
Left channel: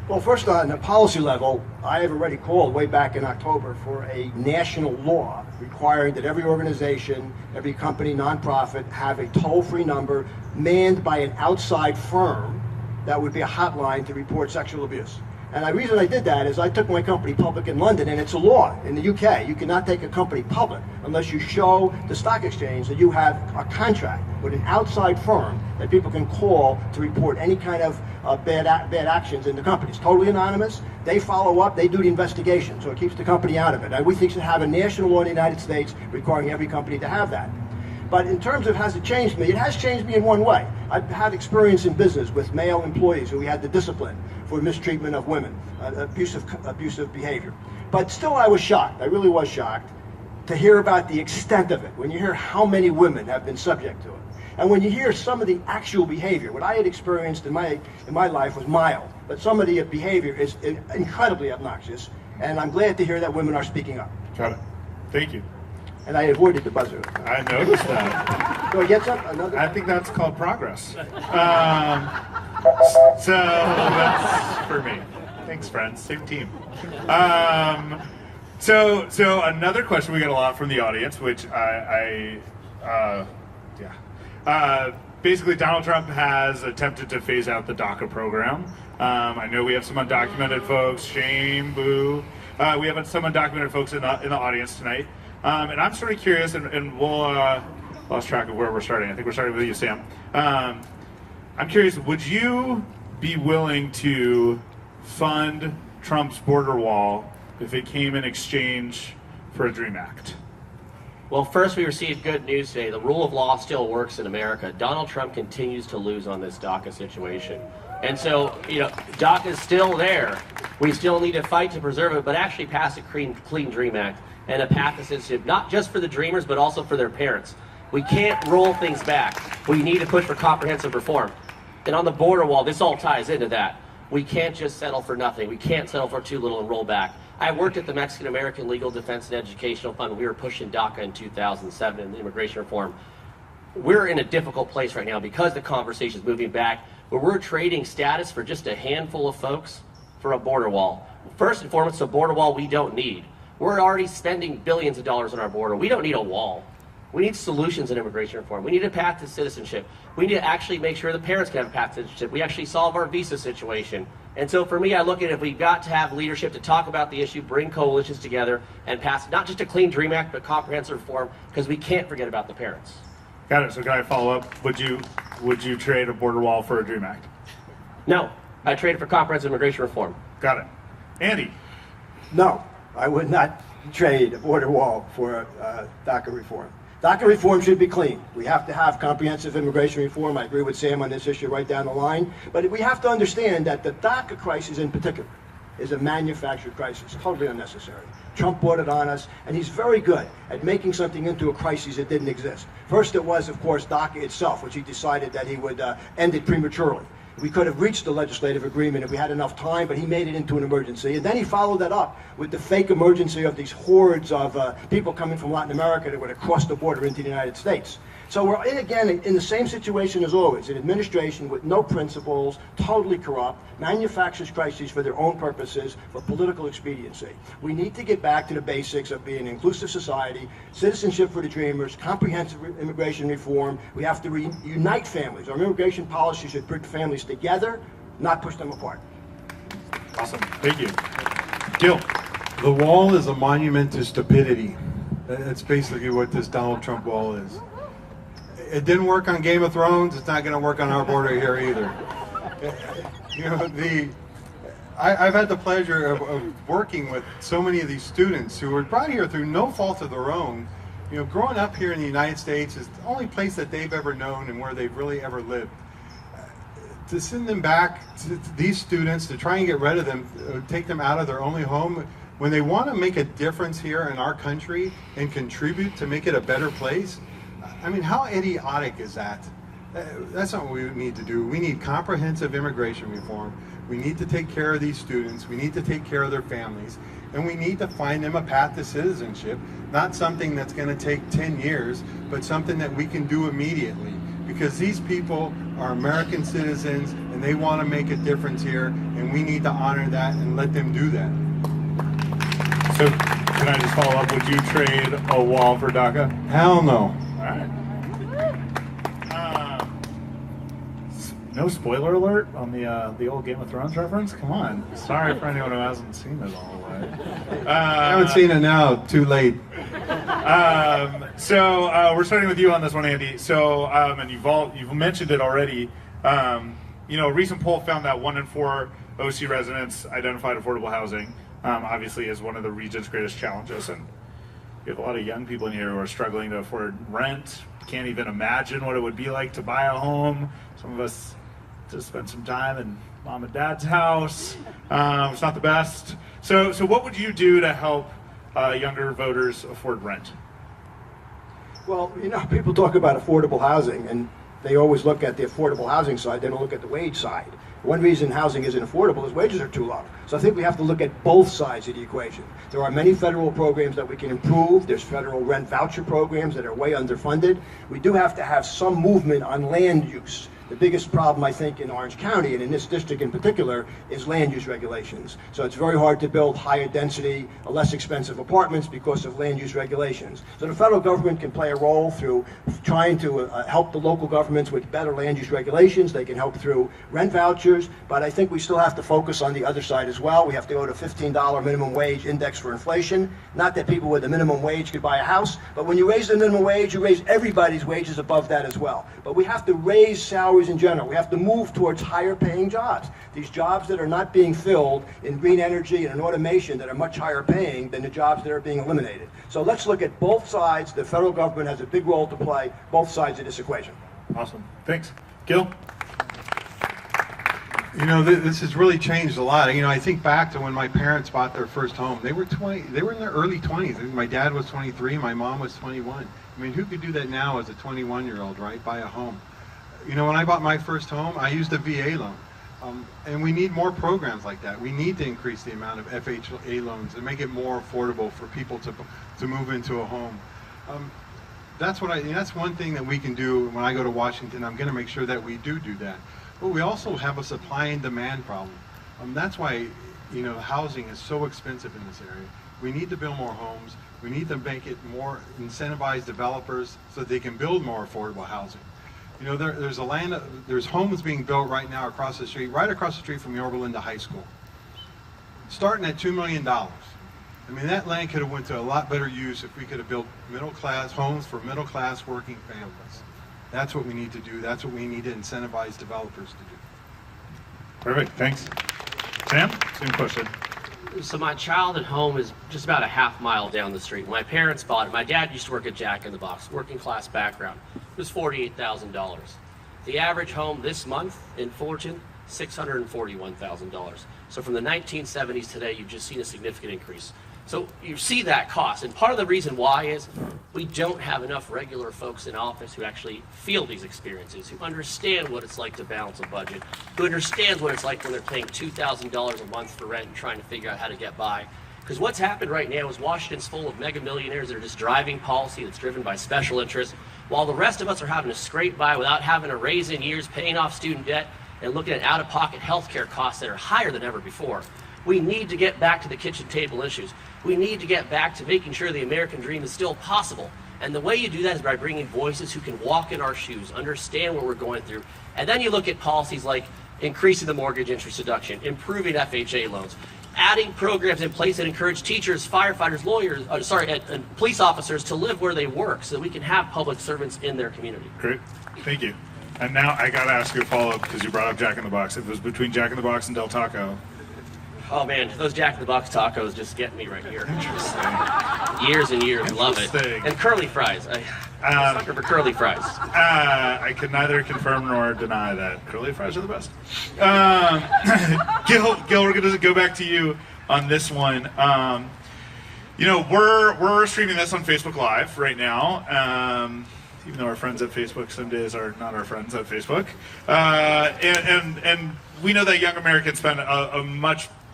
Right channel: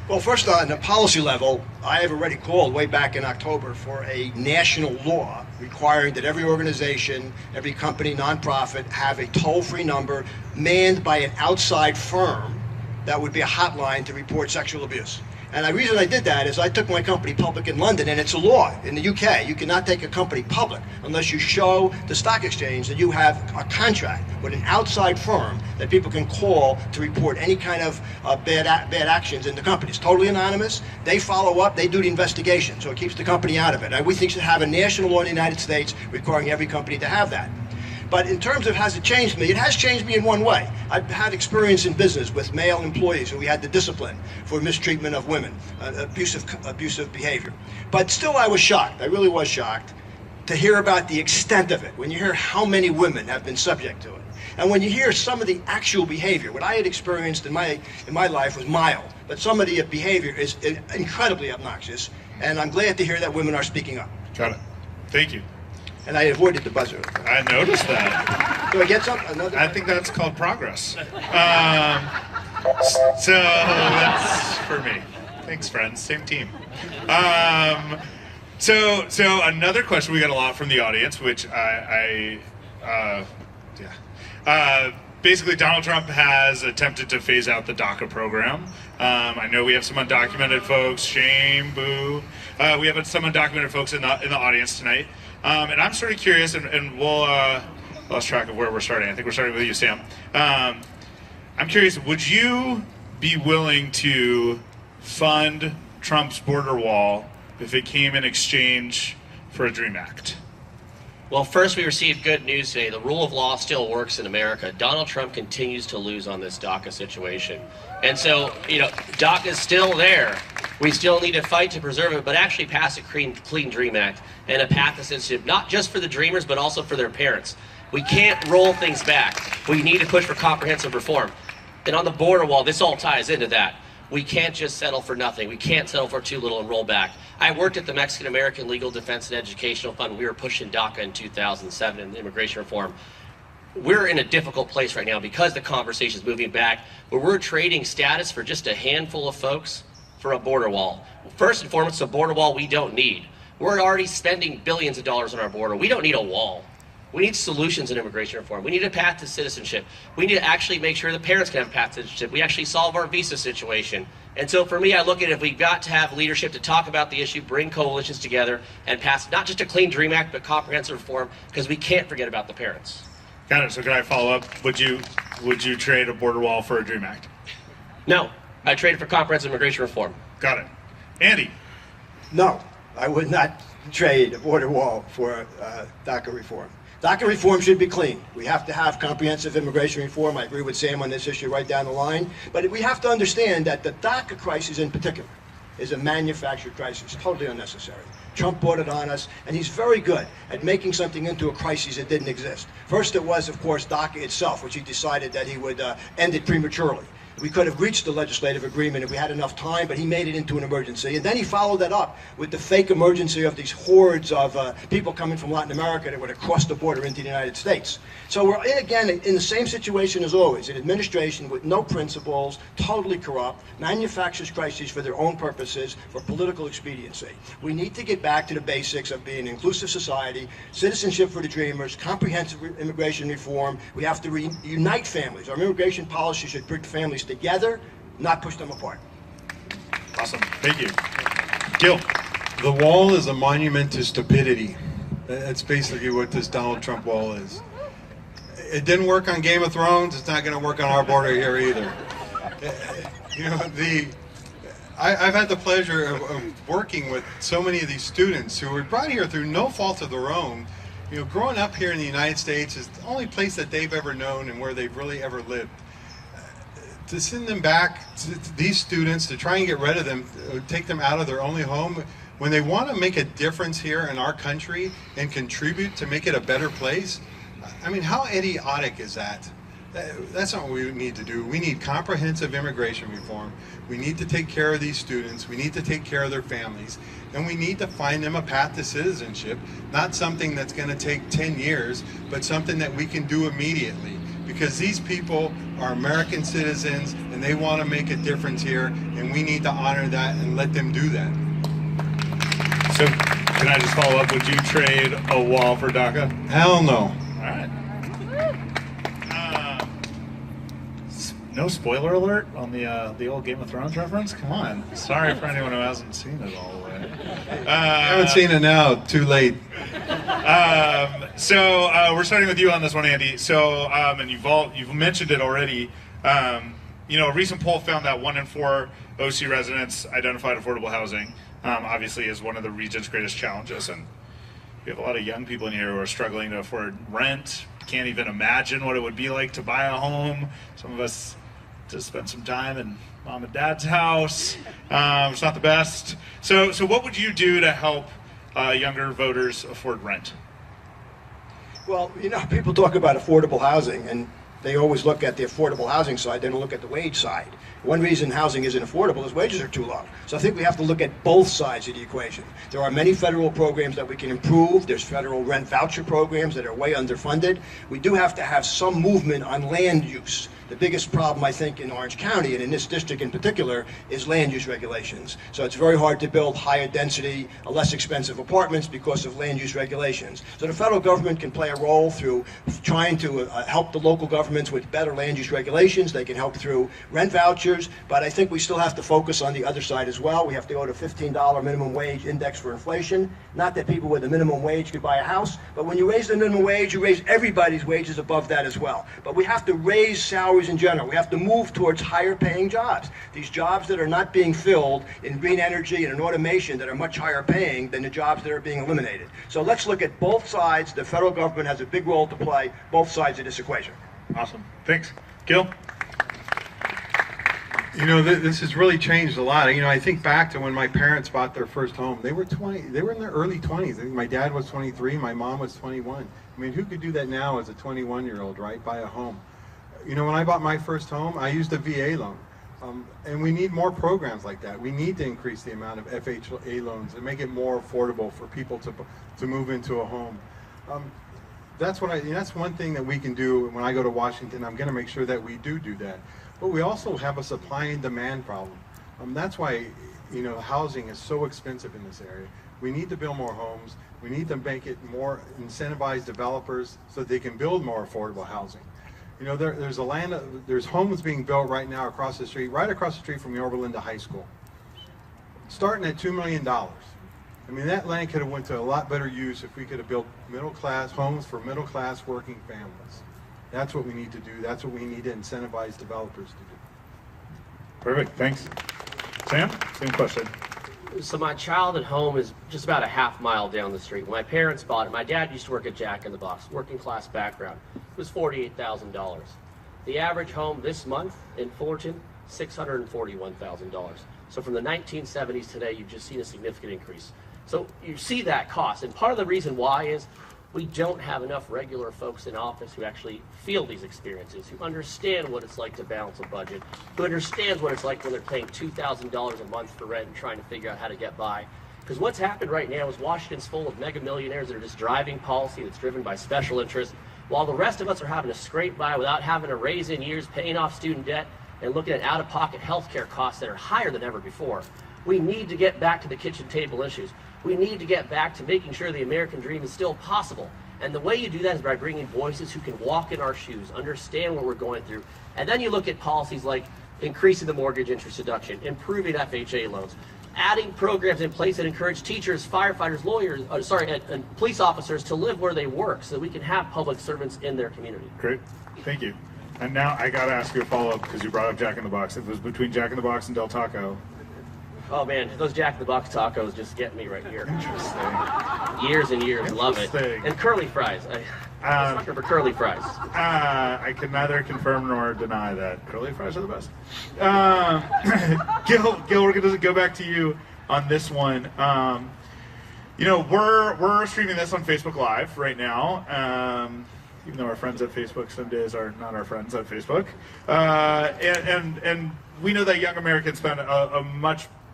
Well, first on the policy level, I have already called way back in October for a national law requiring that every organization, every company, nonprofit, have a toll-free number manned by an outside firm that would be a hotline to report sexual abuse. And the reason I did that is I took my company public in London, and it's a law in the UK. You cannot take a company public unless you show the stock exchange that you have a contract with an outside firm that people can call to report any kind of bad actions in the company. It's totally anonymous. They follow up. They do the investigation, so it keeps the company out of it. And we think should have a national law in the United States requiring every company to have that. But in terms of has it changed me, it has changed me in one way. I've had experience in business with male employees who we had to discipline for mistreatment of women, abusive behavior. But still I was shocked, I really was shocked, to hear about the extent of it, when you hear how many women have been subject to it. And when you hear some of the actual behavior, what I had experienced in my life was mild, but some of the behavior is incredibly obnoxious, and I'm glad to hear that women are speaking up. Got it. Thank you. And I avoided the buzzer. I noticed that. Do I get some? Another? I think that's called progress. So that's for me. Thanks, friends. Same team. So another question we got a lot from the audience, which basically Donald Trump has attempted to phase out the DACA program. I know we have some undocumented folks. Shame, boo. We have some undocumented folks in the audience tonight. And I'm sort of curious, and we'll lost track of where we're starting. I think we're starting with you, Sam. I'm curious, would you be willing to fund Trump's border wall if it came in exchange for a DREAM Act? Well, first, we received good news today. The rule of law still works in America. Donald Trump continues to lose on this DACA situation. And so, DACA is still there. We still need to fight to preserve it, but actually pass a clean DREAM Act and a path to citizenship, not just for the dreamers, but also for their parents. We can't roll things back. We need to push for comprehensive reform. And on the border wall, this all ties into that. We can't just settle for nothing. We can't settle for too little and roll back. I worked at the Mexican American Legal Defense and Educational Fund. We were pushing DACA in 2007 in the immigration reform. We're in a difficult place right now because the conversation is moving back, but we're trading status for just a handful of folks for a border wall. First and foremost, a border wall we don't need. We're already spending billions of dollars on our border. We don't need a wall. We need solutions in immigration reform. We need a path to citizenship. We need to actually make sure the parents can have a path to citizenship. We actually solve our visa situation. And so for me, I look at it, if we've got to have leadership to talk about the issue, bring coalitions together, and pass not just a clean DREAM Act, but comprehensive reform, because we can't forget about the parents. Got it. So can I follow up? Would you trade a border wall for a DREAM Act? No, I traded for comprehensive immigration reform. Got it. Andy? No, I would not trade a border wall for DACA reform. DACA reform should be clean. We have to have comprehensive immigration reform. I agree with Sam on this issue right down the line. But we have to understand that the DACA crisis in particular is a manufactured crisis, totally unnecessary. Trump brought it on us, and he's very good at making something into a crisis that didn't exist. First it was, of course, DACA itself, which he decided that he would end it prematurely. We could have reached the legislative agreement if we had enough time, but he made it into an emergency. And then he followed that up with the fake emergency of these hordes of people coming from Latin America that would have crossed the border into the United States. So we're again in the same situation as always, an administration with no principles, totally corrupt, manufactures crises for their own purposes, for political expediency. We need to get back to the basics of being an inclusive society, citizenship for the dreamers, comprehensive immigration reform. We have to reunite families. Our immigration policy should bring families together, not push them apart. Awesome. Thank you. Gil? The wall is a monument to stupidity. That's basically what this Donald Trump wall is. It didn't work on Game of Thrones. It's not going to work on our border here either. I've had the pleasure of working with so many of these students who were brought here through no fault of their own. Growing up here in the United States is the only place that they've ever known and where they've really ever lived. To send them back, these students, to try and get rid of them, take them out of their only home, when they want to make a difference here in our country and contribute to make it a better place, I mean, how idiotic is that? That's not what we need to do. We need comprehensive immigration reform. We need to take care of these students. We need to take care of their families. And we need to find them a path to citizenship, not something that's going to take 10 years, but something that we can do immediately. because these people are American citizens and they want to make a difference here, and we need to honor that and let them do that. So, can I just follow up? Would you trade a wall for DACA? Hell no. All right. No spoiler alert on the old Game of Thrones reference? Come on. Sorry for anyone who hasn't seen it all. I haven't seen it now. Too late. So we're starting with you on this one, Andy. So, and you've mentioned it already. A recent poll found that 1 in 4 OC residents identified affordable housing, obviously, as one of the region's greatest challenges. And we have a lot of young people in here who are struggling to afford rent. Can't even imagine what it would be like to buy a home. Some of us just spent some time in mom and dad's house. It's not the best. So what would you do to help younger voters afford rent? Well, people talk about affordable housing, and they always look at the affordable housing side, they don't look at the wage side. One reason housing isn't affordable is wages are too low. So I think we have to look at both sides of the equation. There are many federal programs that we can improve. There's federal rent voucher programs that are way underfunded. We do have to have some movement on land use. The biggest problem, I think, in Orange County, and in this district in particular, is land use regulations. So it's very hard to build higher density, less expensive apartments because of land use regulations. So the federal government can play a role through trying to help the local governments with better land use regulations. They can help through rent vouchers, but I think we still have to focus on the other side as well. We have to go to $15 minimum wage index for inflation. Not that people with a minimum wage could buy a house, but when you raise the minimum wage, you raise everybody's wages above that as well. But we have to raise salaries in general. We have to move towards higher paying jobs. These jobs that are not being filled in green energy and in automation that are much higher paying than the jobs that are being eliminated. So let's look at both sides. The federal government has a big role to play, both sides of this equation. Awesome. Thanks. Gil? This has really changed a lot. I think back to when my parents bought their first home. They were in their early 20s. I think my dad was 23, my mom was 21. I mean, who could do that now as a 21-year-old, right? Buy a home. When I bought my first home, I used a VA loan. And we need more programs like that. We need to increase the amount of FHA loans and make it more affordable for people to move into a home. That's one thing that we can do when I go to Washington. I'm going to make sure that we do that. But we also have a supply and demand problem. That's why housing is so expensive in this area. We need to build more homes. We need to make it more incentivize developers so they can build more affordable housing. There's homes being built right now right across the street from Yorba Linda High School, starting at $2 million. I mean, that land could have went to a lot better use if we could have built middle-class homes for middle-class working families. That's what we need to do. That's what we need to incentivize developers to do. Perfect. Thanks. Sam, same question. So my childhood home is just about a half-mile down the street. When my parents bought it, my dad used to work at Jack in the Box, working class background. It was $48,000. The average home this month in Fullerton, $641,000. So from the 1970s today, you've just seen a significant increase. So you see that cost, and part of the reason why is we don't have enough regular folks in office who actually feel these experiences, who understand what it's like to balance a budget, who understands what it's like when they're paying $2,000 a month for rent and trying to figure out how to get by. Because what's happened right now is Washington's full of mega millionaires that are just driving policy that's driven by special interests, while the rest of us are having to scrape by without having to raise in years, paying off student debt, and looking at out-of-pocket healthcare costs that are higher than ever before. We need to get back to the kitchen table issues. We need to get back to making sure the American dream is still possible. And the way you do that is by bringing voices who can walk in our shoes, understand what we're going through. And then you look at policies like increasing the mortgage interest deduction, improving FHA loans, adding programs in place that encourage teachers, firefighters, lawyers, and police officers to live where they work so that we can have public servants in their community. Great. Thank you. And now I got to ask you a follow-up because you brought up Jack in the Box. If it was between Jack in the Box and Del Taco. Oh man, those Jack in the Box tacos just get me right here. Years and years, love it. And curly fries. I'm a sucker for curly fries. I could neither confirm nor deny that curly fries are the best. Gil, we're going to go back to you on this one. We're streaming this on Facebook Live right now. Even though our friends at Facebook some days are not our friends at Facebook. And we know that young Americans spend a much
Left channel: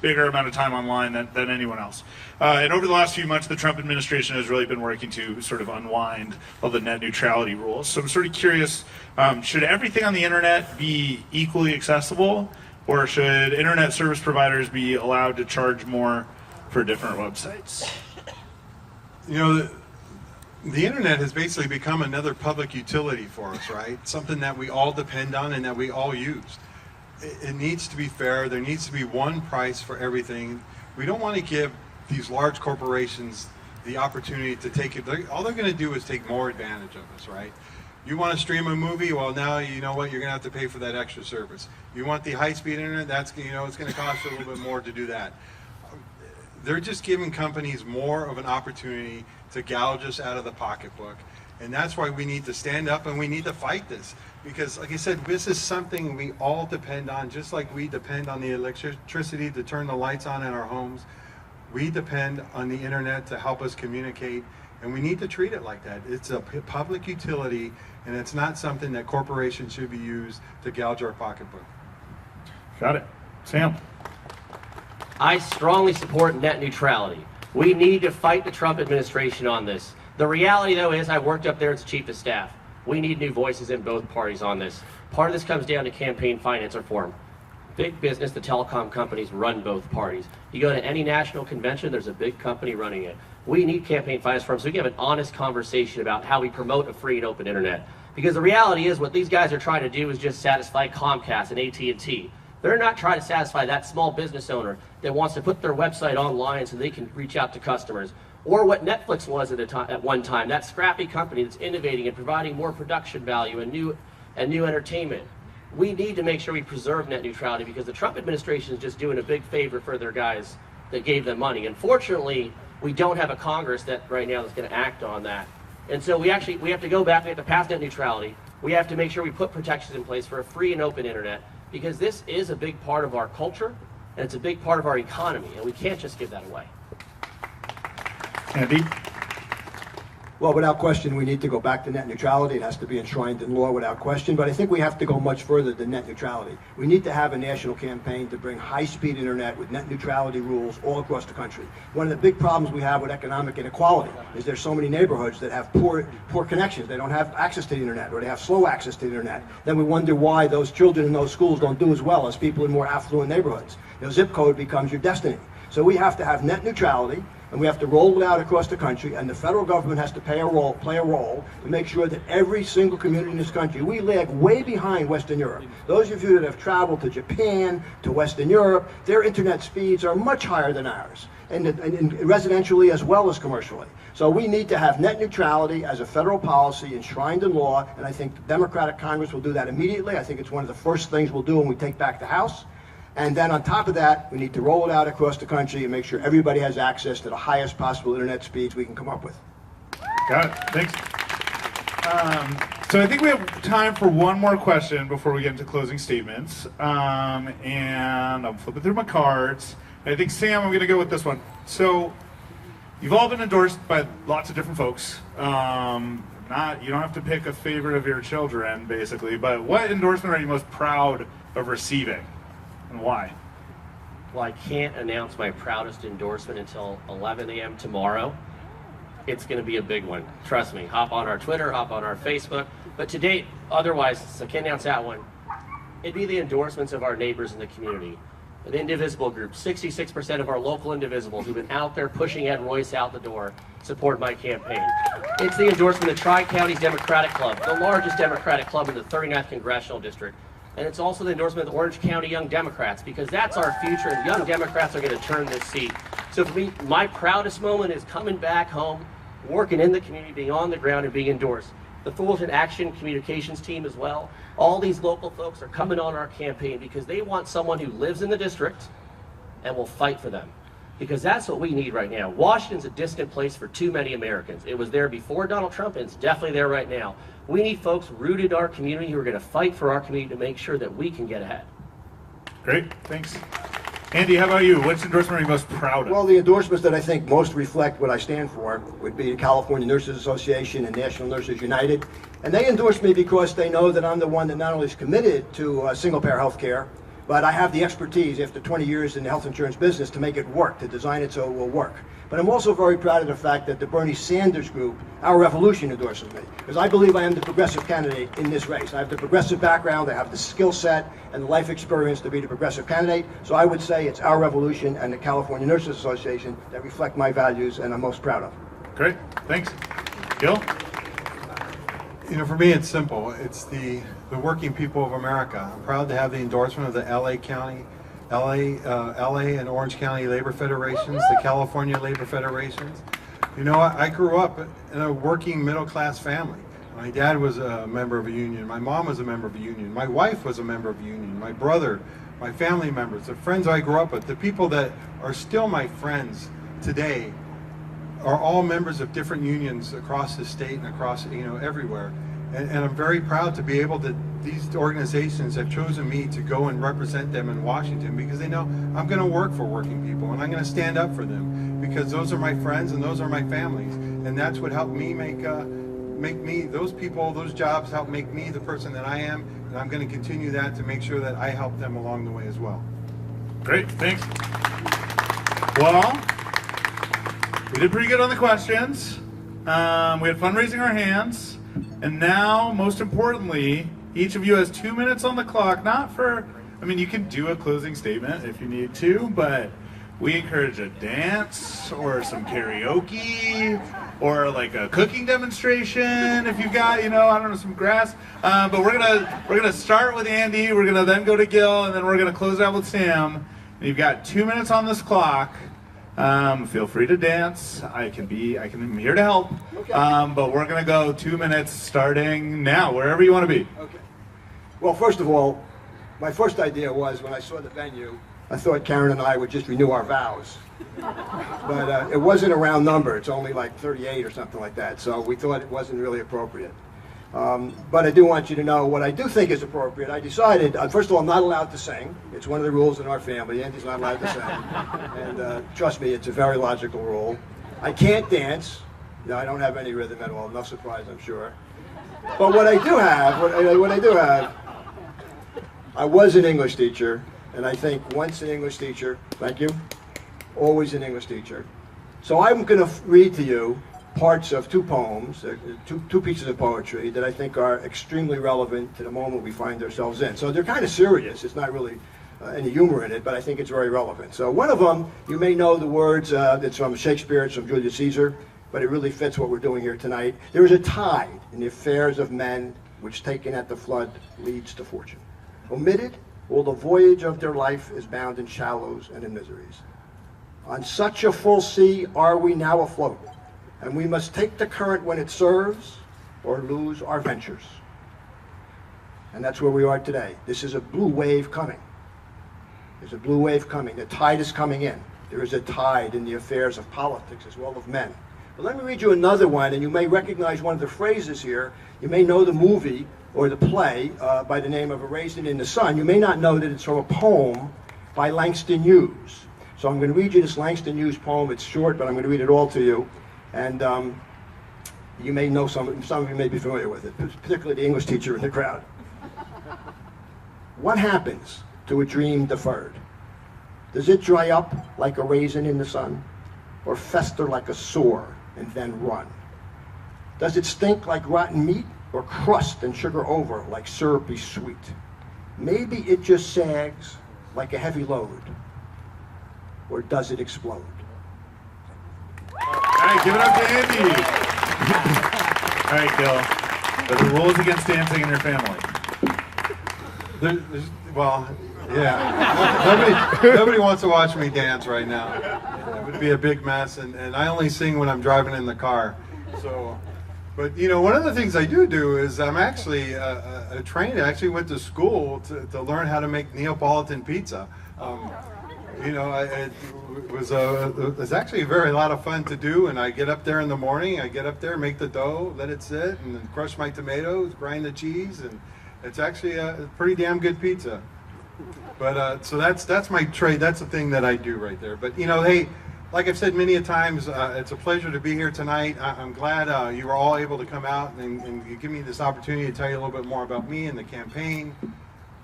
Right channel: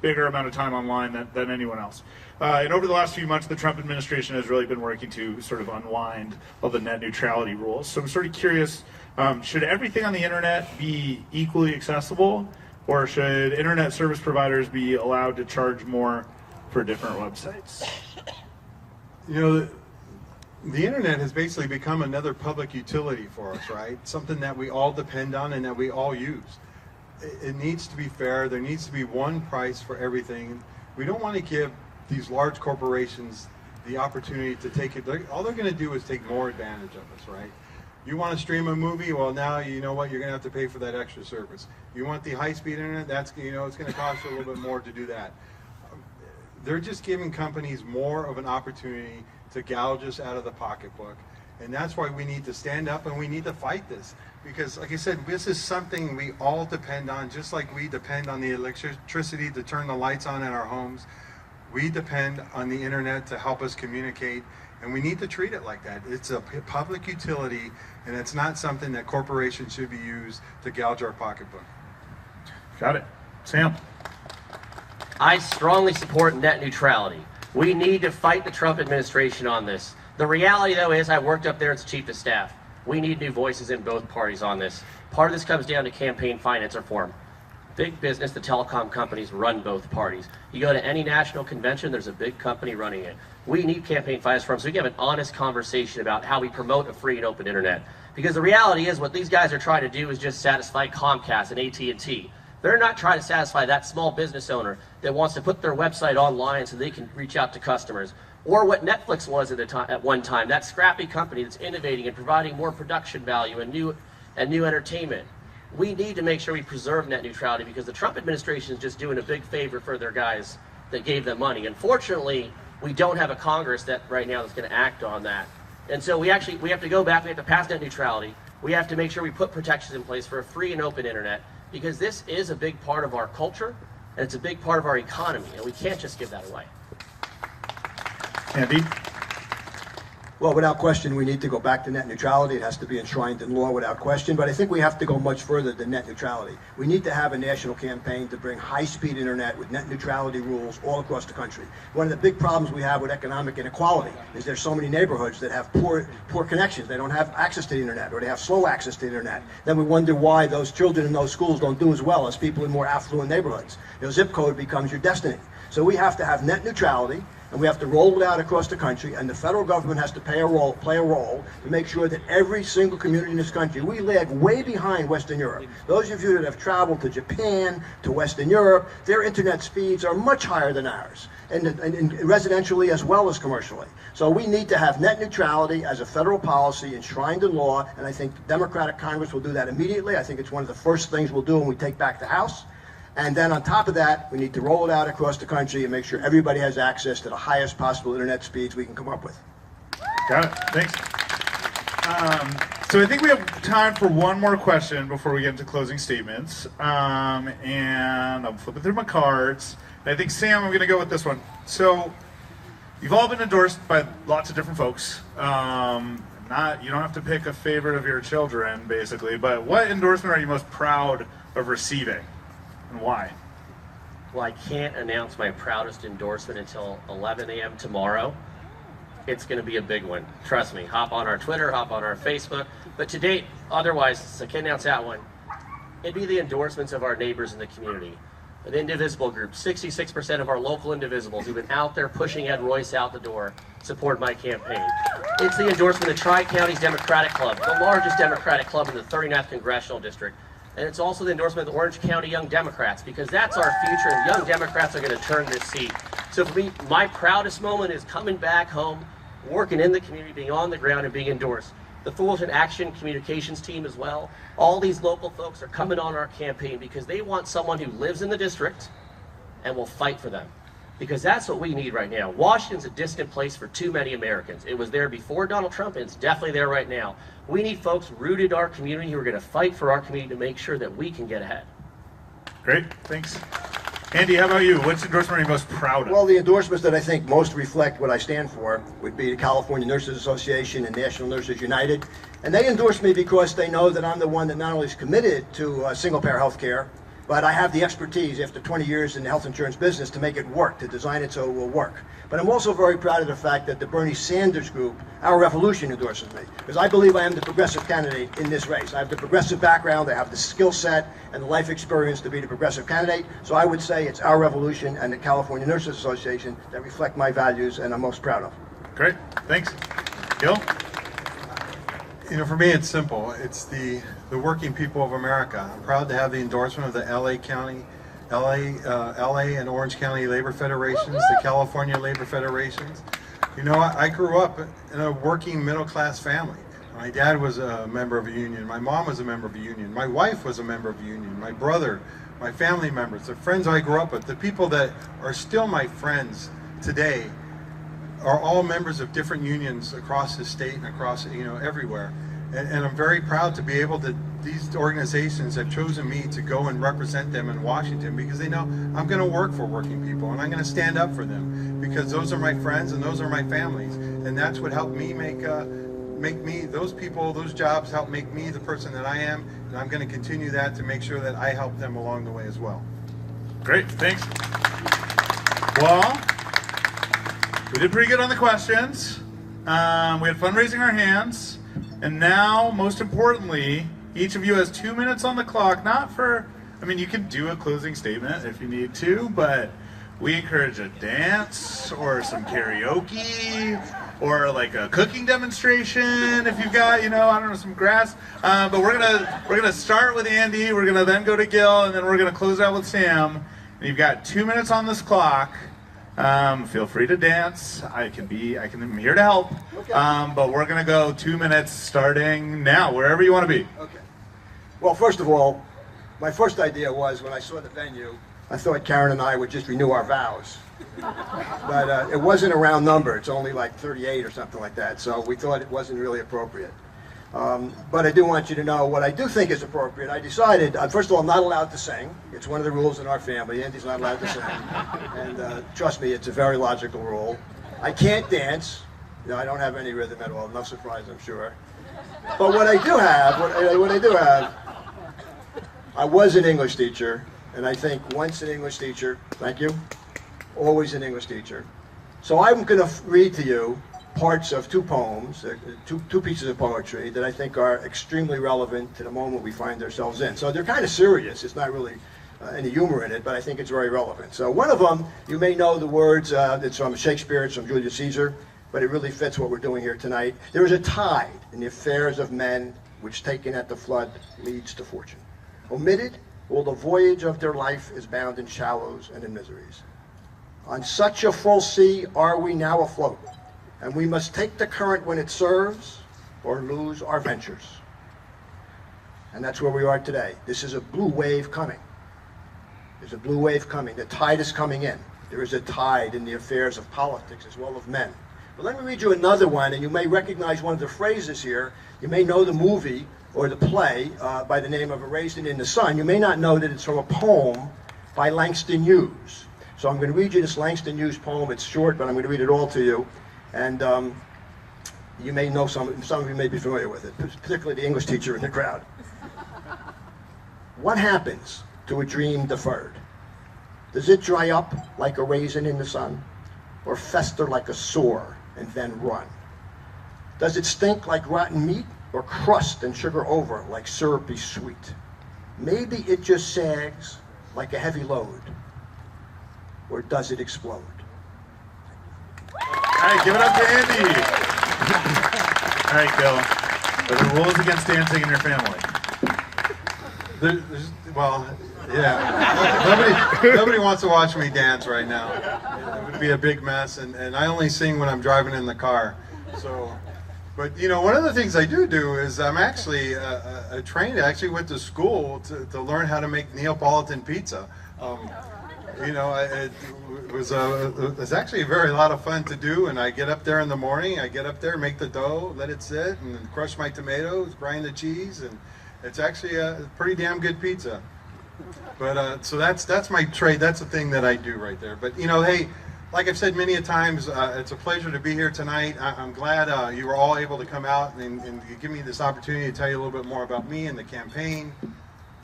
bigger amount of time online than anyone else. And over the last few months, the Trump administration has really been working to sort of unwind all the net neutrality rules. So I'm sort of curious, should everything on the internet be equally accessible, or should internet service providers be allowed to charge more for different websites? You know, the internet has basically become another public utility for us, right? Something that we all depend on and that we all use. It needs to be fair. There needs to be one price for everything. We don't want to give these large corporations the opportunity to take it. All they're going to do is take more advantage of us, right? You want to stream a movie? Well, now you know what, you're going to have to pay for that extra service. You want the high-speed internet? That's, you know, it's going to cost you a little bit more to do that. They're just giving companies more of an opportunity to gouge us out of the pocketbook. And that's why we need to stand up and we need to fight this. Because, like I said, this is something we all depend on, just like we depend on the electricity to turn the lights on in our homes. We depend on the internet to help us communicate, and we need to treat it like that. It's a public utility, and it's not something that corporations should be used to gouge our pocketbook. Got it. Sam? I strongly support net neutrality. We need to fight the Trump administration on this. The reality, though, is I worked up there as chief of staff. We need new voices in both parties on this. Part of this comes down to campaign finance reform. Big business, the telecom companies run both parties. You go to any national convention, there's a big company running it. We need campaign finance reform so we can have an honest conversation about how we promote a free and open internet. Because the reality is what these guys are trying to do is just satisfy Comcast and AT&T. They're not trying to satisfy that small business owner that wants to put their website online so they can reach out to customers. Or what Netflix was at one time, that scrappy company that's innovating and providing more production value and new entertainment. We need to make sure we preserve net neutrality because the Trump administration is just doing a big favor for their guys that gave them money. Unfortunately, we don't have a Congress that right now that's going to act on that. And so we have to go back, we have to pass net neutrality. We have to make sure we put protections in place for a free and open internet because this is a big part of our culture and it's a big part of our economy and we can't just give that away. Andy? Well, without question, we need to go back to net neutrality. It has to be enshrined in law without question, but I think we have to go much further than net neutrality. We need to have a national campaign to bring high-speed internet with net neutrality rules all across the country. One of the big problems we have with economic inequality is there's so many neighborhoods that have poor connections. They don't have access to the internet, or they have slow access to the internet. Then we wonder why those children in those schools don't do as well as people in more affluent neighborhoods. Their zip code becomes your destiny. So we have to have net neutrality, and we have to roll it out across the country, and the federal government has to play a role to make sure that every single community in this country, we lag way behind Western Europe. Those of you that have traveled to Japan, to Western Europe, their internet speeds are much higher than ours, and residentially as well as commercially. So we need to have net neutrality as a federal policy enshrined in law, and I think the Democratic Congress will do that immediately. I think it's one of the first things we'll do when we take back the House. And then on top of that, we need to roll it out across the country and make sure everybody has access to the highest possible internet speeds we can come up with. Got it. Thanks. So I think we have time for one more question before we get into closing statements. And I'm flipping through my cards. I think, Sam, I'm going to go with this one. So you've all been endorsed by lots of different folks. You don't have to pick a favorite of your children, basically. But what endorsement are you most proud of receiving? And why? Well, I can't announce my proudest endorsement until 11 a.m. tomorrow. It's going to be a big one. Trust me. Hop on our Twitter, hop on our Facebook. But to date, otherwise, I can't announce that one. It'd be the endorsements of our neighbors in the community. An indivisible group, 66% of our local indivisibles who've been out there pushing Ed Royce out the door support my campaign. It's the endorsement of Tri-Counties Democratic Club, the largest Democratic club in the 39th Congressional District. And it's also the endorsement of the Orange County Young Democrats, because that's our future, and the Young Democrats are going to turn this seat. So for me, my proudest moment is coming back home, working in the community, being on the ground, and being endorsed. The Fullerton Action Communications team as well. All these local folks are coming on our campaign because they want someone who lives in the district and will fight for them. Because that's what we need right now. Washington's a distant place for too many Americans. It was there before Donald Trump, and it's definitely there right now. We need folks rooted in our community who are going to fight for our community to make sure that we can get ahead. Great, thanks. Andy, how about you? What's endorsement are you most proud of? Well, the endorsements that I think most reflect what I stand for would be the California Nurses Association and National Nurses United. And they endorse me because they know that I'm the one that not only is committed to single-payer health care, but I have the expertise after 20 years in the health insurance business to make it work, to design it so it will work. But I'm also very proud of the fact that the Bernie Sanders group, Our Revolution, endorses me, because I believe I am the progressive candidate in this race. I have the progressive background, I have the skill set and the life experience to be the progressive candidate, so I would say it's Our Revolution and the California Nurses Association that reflect my values and I'm most proud of. Great, thanks. Gil? You know, for me, it's simple. It's the working people of America. I'm proud to have the endorsement of the LA and Orange County Labor Federations, the California Labor Federations. You know, I grew up in a working middle-class family. My dad was a member of a union. My mom was a member of a union. My wife was a member of a union. My brother, my family members, the friends I grew up with, the people that are still my friends today are all members of different unions across the state and across, you know, everywhere. And I'm very proud to be able to, these organizations have chosen me to go and represent them in Washington because they know I'm going to work for working people and I'm going to stand up for them because those are my friends and those are my families. And that's what helped me make me, those people, those jobs help make me the person that I am. And I'm going to continue that to make sure that I help them along the way as well. Great, thanks. Well, we did pretty good on the questions. We had fun raising our hands. And now, most importantly, each of you has 2 minutes on the clock, not for, I mean, you can do a closing statement if you need to, but we encourage a dance or some karaoke or like a cooking demonstration if you've got, you know, I don't know, some grass. But we're gonna start with Andy, we're gonna then go to Gil, and then we're gonna close out with Sam. And you've got 2 minutes on this clock. Feel free to dance. I'm here to help. Okay. But we're gonna go 2 minutes starting now, wherever you want to be. Okay. Well, first of all, my first idea was when I saw the venue, I thought Karen and I would just renew our vows. But it wasn't a round number. It's only like 38 or something like that. So we thought it wasn't really appropriate. But I do want you to know what I do think is appropriate. I decided, first of all, I'm not allowed to sing. It's one of the rules in our family. Andy's not allowed to sing. And trust me, it's a very logical rule. I can't dance. No, I don't have any rhythm at all. No surprise, I'm sure. But what I do have, I was an English teacher. And I think once an English teacher, thank you, always an English teacher. So I'm going to read to you parts of two poems, two pieces of poetry that I think are extremely relevant to the moment we find ourselves in. So they're kind of serious. It's not really any humor in it, but I think it's very relevant. So one of them, you may know the words, it's from Shakespeare, it's from Julius Caesar, but it really fits what we're doing here tonight. There is a tide in the affairs of men which taken at the flood leads to fortune. Omitted, all the voyage of their life is bound in shallows and in miseries. On such a full sea are we now afloat, and we must take the current when it serves or lose our ventures. And that's where we are today. This is a blue wave coming. There's a blue wave coming. The tide is coming in. There is a tide in the affairs of politics as well as men. But let me read you another one, and you may recognize one of the phrases here. You may know the movie or the play by the name of A Raisin in the Sun. You may not know that it's from a poem by Langston Hughes. So I'm going to read you this Langston Hughes poem. It's short, but I'm going to read it all to you. And you may know some of you may be familiar with it, particularly the English teacher in the crowd. What happens to a dream deferred? Does it dry up like a raisin in the sun, or fester like a sore and then run? Does it stink like rotten meat, or crust and sugar over like syrupy sweet? Maybe it just sags like a heavy load, or does it explode? All right, give it up to Andy. All right, Gil. What are the rules against dancing in your family? Well, yeah. Nobody wants to watch me dance right now. It would be a big mess, and I only sing when I'm driving in the car. So, but you know, one of the things I do is I'm actually a trained. I actually went to school to learn how to make Neapolitan pizza. You know, it was actually a very lot of fun to do, and I get up there in the morning, I get up there, make the dough, let it sit, and then crush my tomatoes, grind the cheese, and it's actually a pretty damn good pizza. But so that's my trade, that's the thing that I do right there. But you know, hey, like I've said many a times, it's a pleasure to be here tonight. I'm glad you were all able to come out and give me this opportunity to tell you a little bit more about me and the campaign.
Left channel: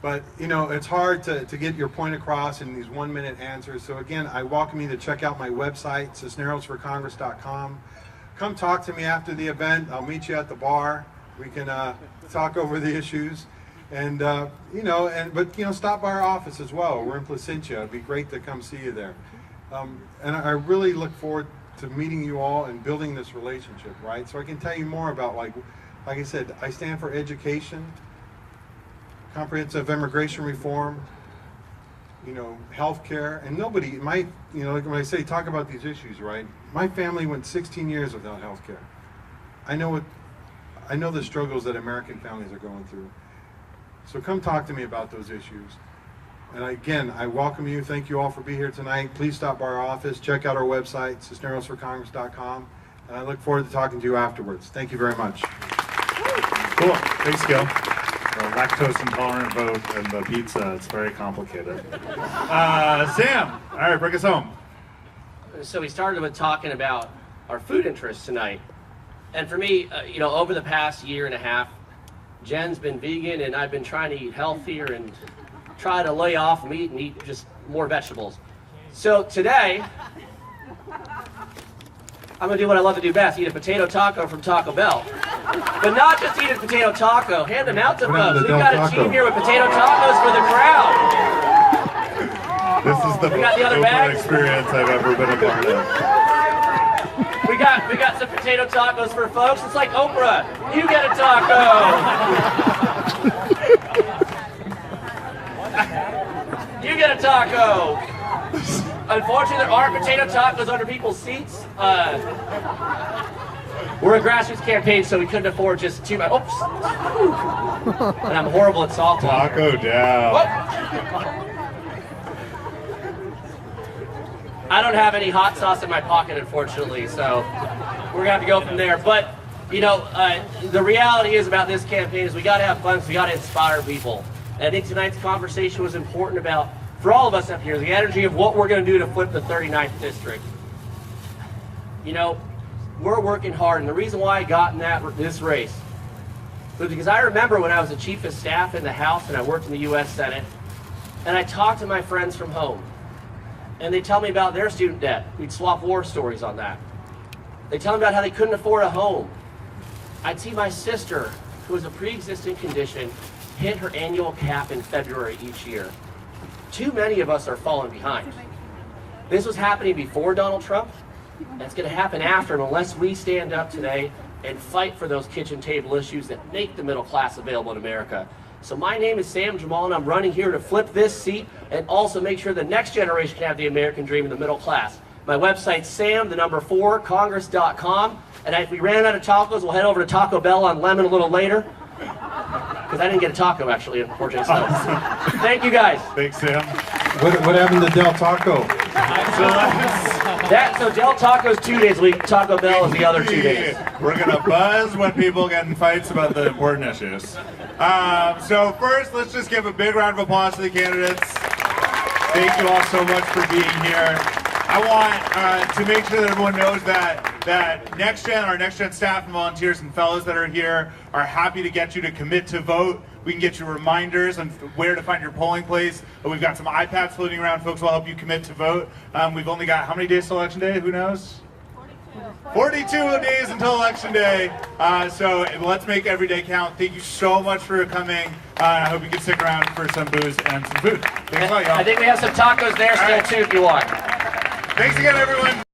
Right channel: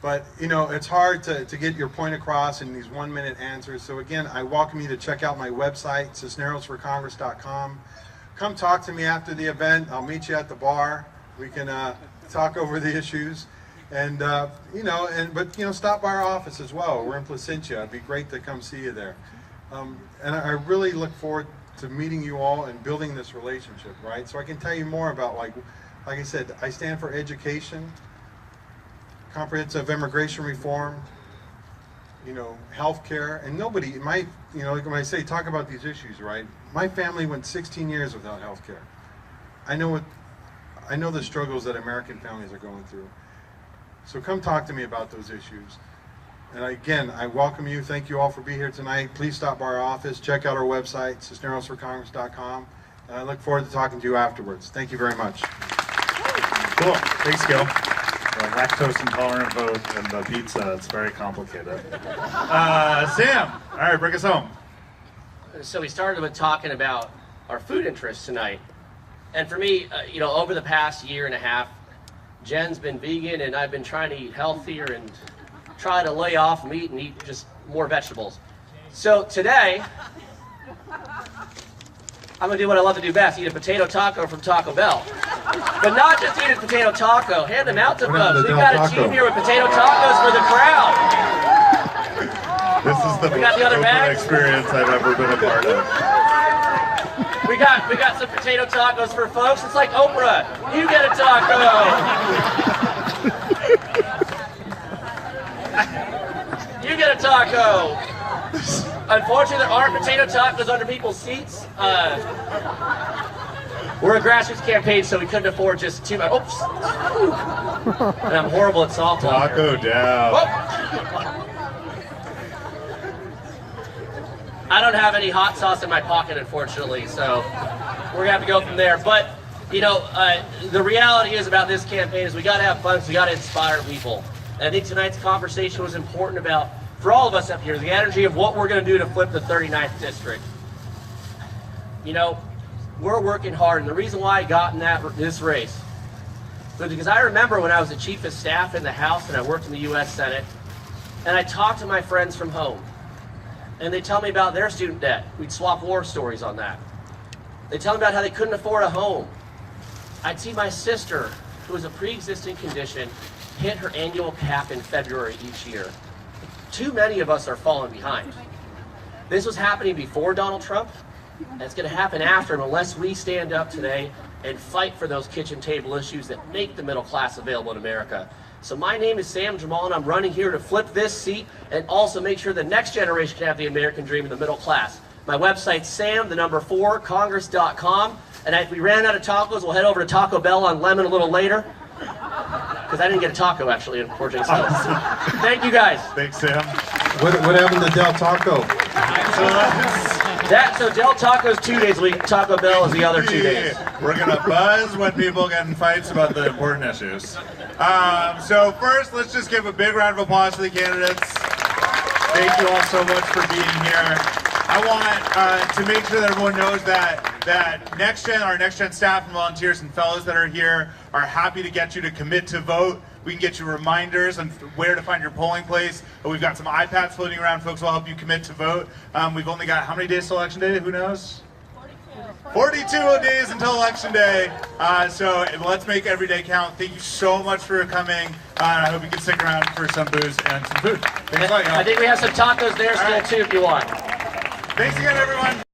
But, you know, it's hard to get your point across in these 1-minute answers. So again, I welcome you to check out my website, cisnerosforcongress.com. Come talk to me after the event. I'll meet you at the bar. We can talk over the issues. And, but stop by our office as well. We're in Placentia. It'd be great to come see you there. And I really look forward to meeting you all and building this relationship, right? So I can tell you more about, like I said, I stand for education, comprehensive immigration reform, healthcare, and nobody, when I say talk about these issues, right? My family went 16 years without healthcare. I know the struggles that American families are going through. So come talk to me about those issues. And again, I welcome you. Thank you all for being here tonight. Please stop by our office. Check out our website, cisnerosforcongress.com. And I look forward to talking to you afterwards. Thank you very much. Cool. Thanks, Gil. The lactose intolerant vote and the pizza, it's very complicated. Sam, all right, bring us home. So we started with talking about our food interests tonight. And for me, over the past year and a half, Jen's been vegan and I've been trying to eat healthier and try to lay off meat and eat just more vegetables. So today, I'm gonna do what I love to do best, eat a potato taco from Taco Bell. But not just eat a potato taco, hand them out to folks. We've got a team here with potato tacos for the crowd. This is the most Oprah experience I've ever been a part of. We got some potato tacos for folks. It's like Oprah, you get a taco. You get a taco. Unfortunately, there aren't potato tacos under people's seats. We're a grassroots campaign, so we couldn't afford just too much. Oops. And I'm horrible at soft Taco down. Whoop. I don't have any hot sauce in my pocket, unfortunately, so we're gonna have to go from there. But the reality is about this campaign is we gotta have fun, so we gotta inspire people. And I think tonight's conversation was important about, for all of us up here, the energy of what we're gonna do to flip the 39th district. We're working hard, and the reason why I got in this race was because I remember when I was the chief of staff in the House and I worked in the U.S. Senate, and I talked to my friends from home. And they tell me about their student debt. We'd swap war stories on that. They tell me about how they couldn't afford a home. I'd see my sister, who has a pre-existing condition, hit her annual cap in February each year. Too many of us are falling behind. This was happening before Donald Trump, and it's going to happen after him unless we stand up today and fight for those kitchen table issues that make the middle class available in America. So my name is Sam Jamal, and I'm running here to flip this seat and also make sure the next generation can have the American dream in the middle class. My website's sam4congress.com, and if we ran out of tacos, we'll head over to Taco Bell on Lemon a little later. Because I didn't get a taco, actually, unfortunately. So, thank you, guys. Thanks, Sam. What happened to Del Taco? So Del Taco's 2 days a week, Taco Bell is the other 2 days. We're going to buzz when people get in fights about the important issues. So first, let's just give a big round of applause to the candidates. Thank you all so much for being here. I want to make sure that everyone knows that our Next Gen staff and volunteers and fellows that are here are happy to get you to commit to vote. We can get you reminders on where to find your polling place. We've got some iPads floating around. Folks will help you commit to vote. We've only got how many days till Election Day? Who knows? 42 days until Election Day. So let's make every day count. Thank you so much for coming. I hope you can stick around for some booze and some food. Thanks a lot, y'all. I think we have some tacos there still, too, if you want. Thanks again, everyone.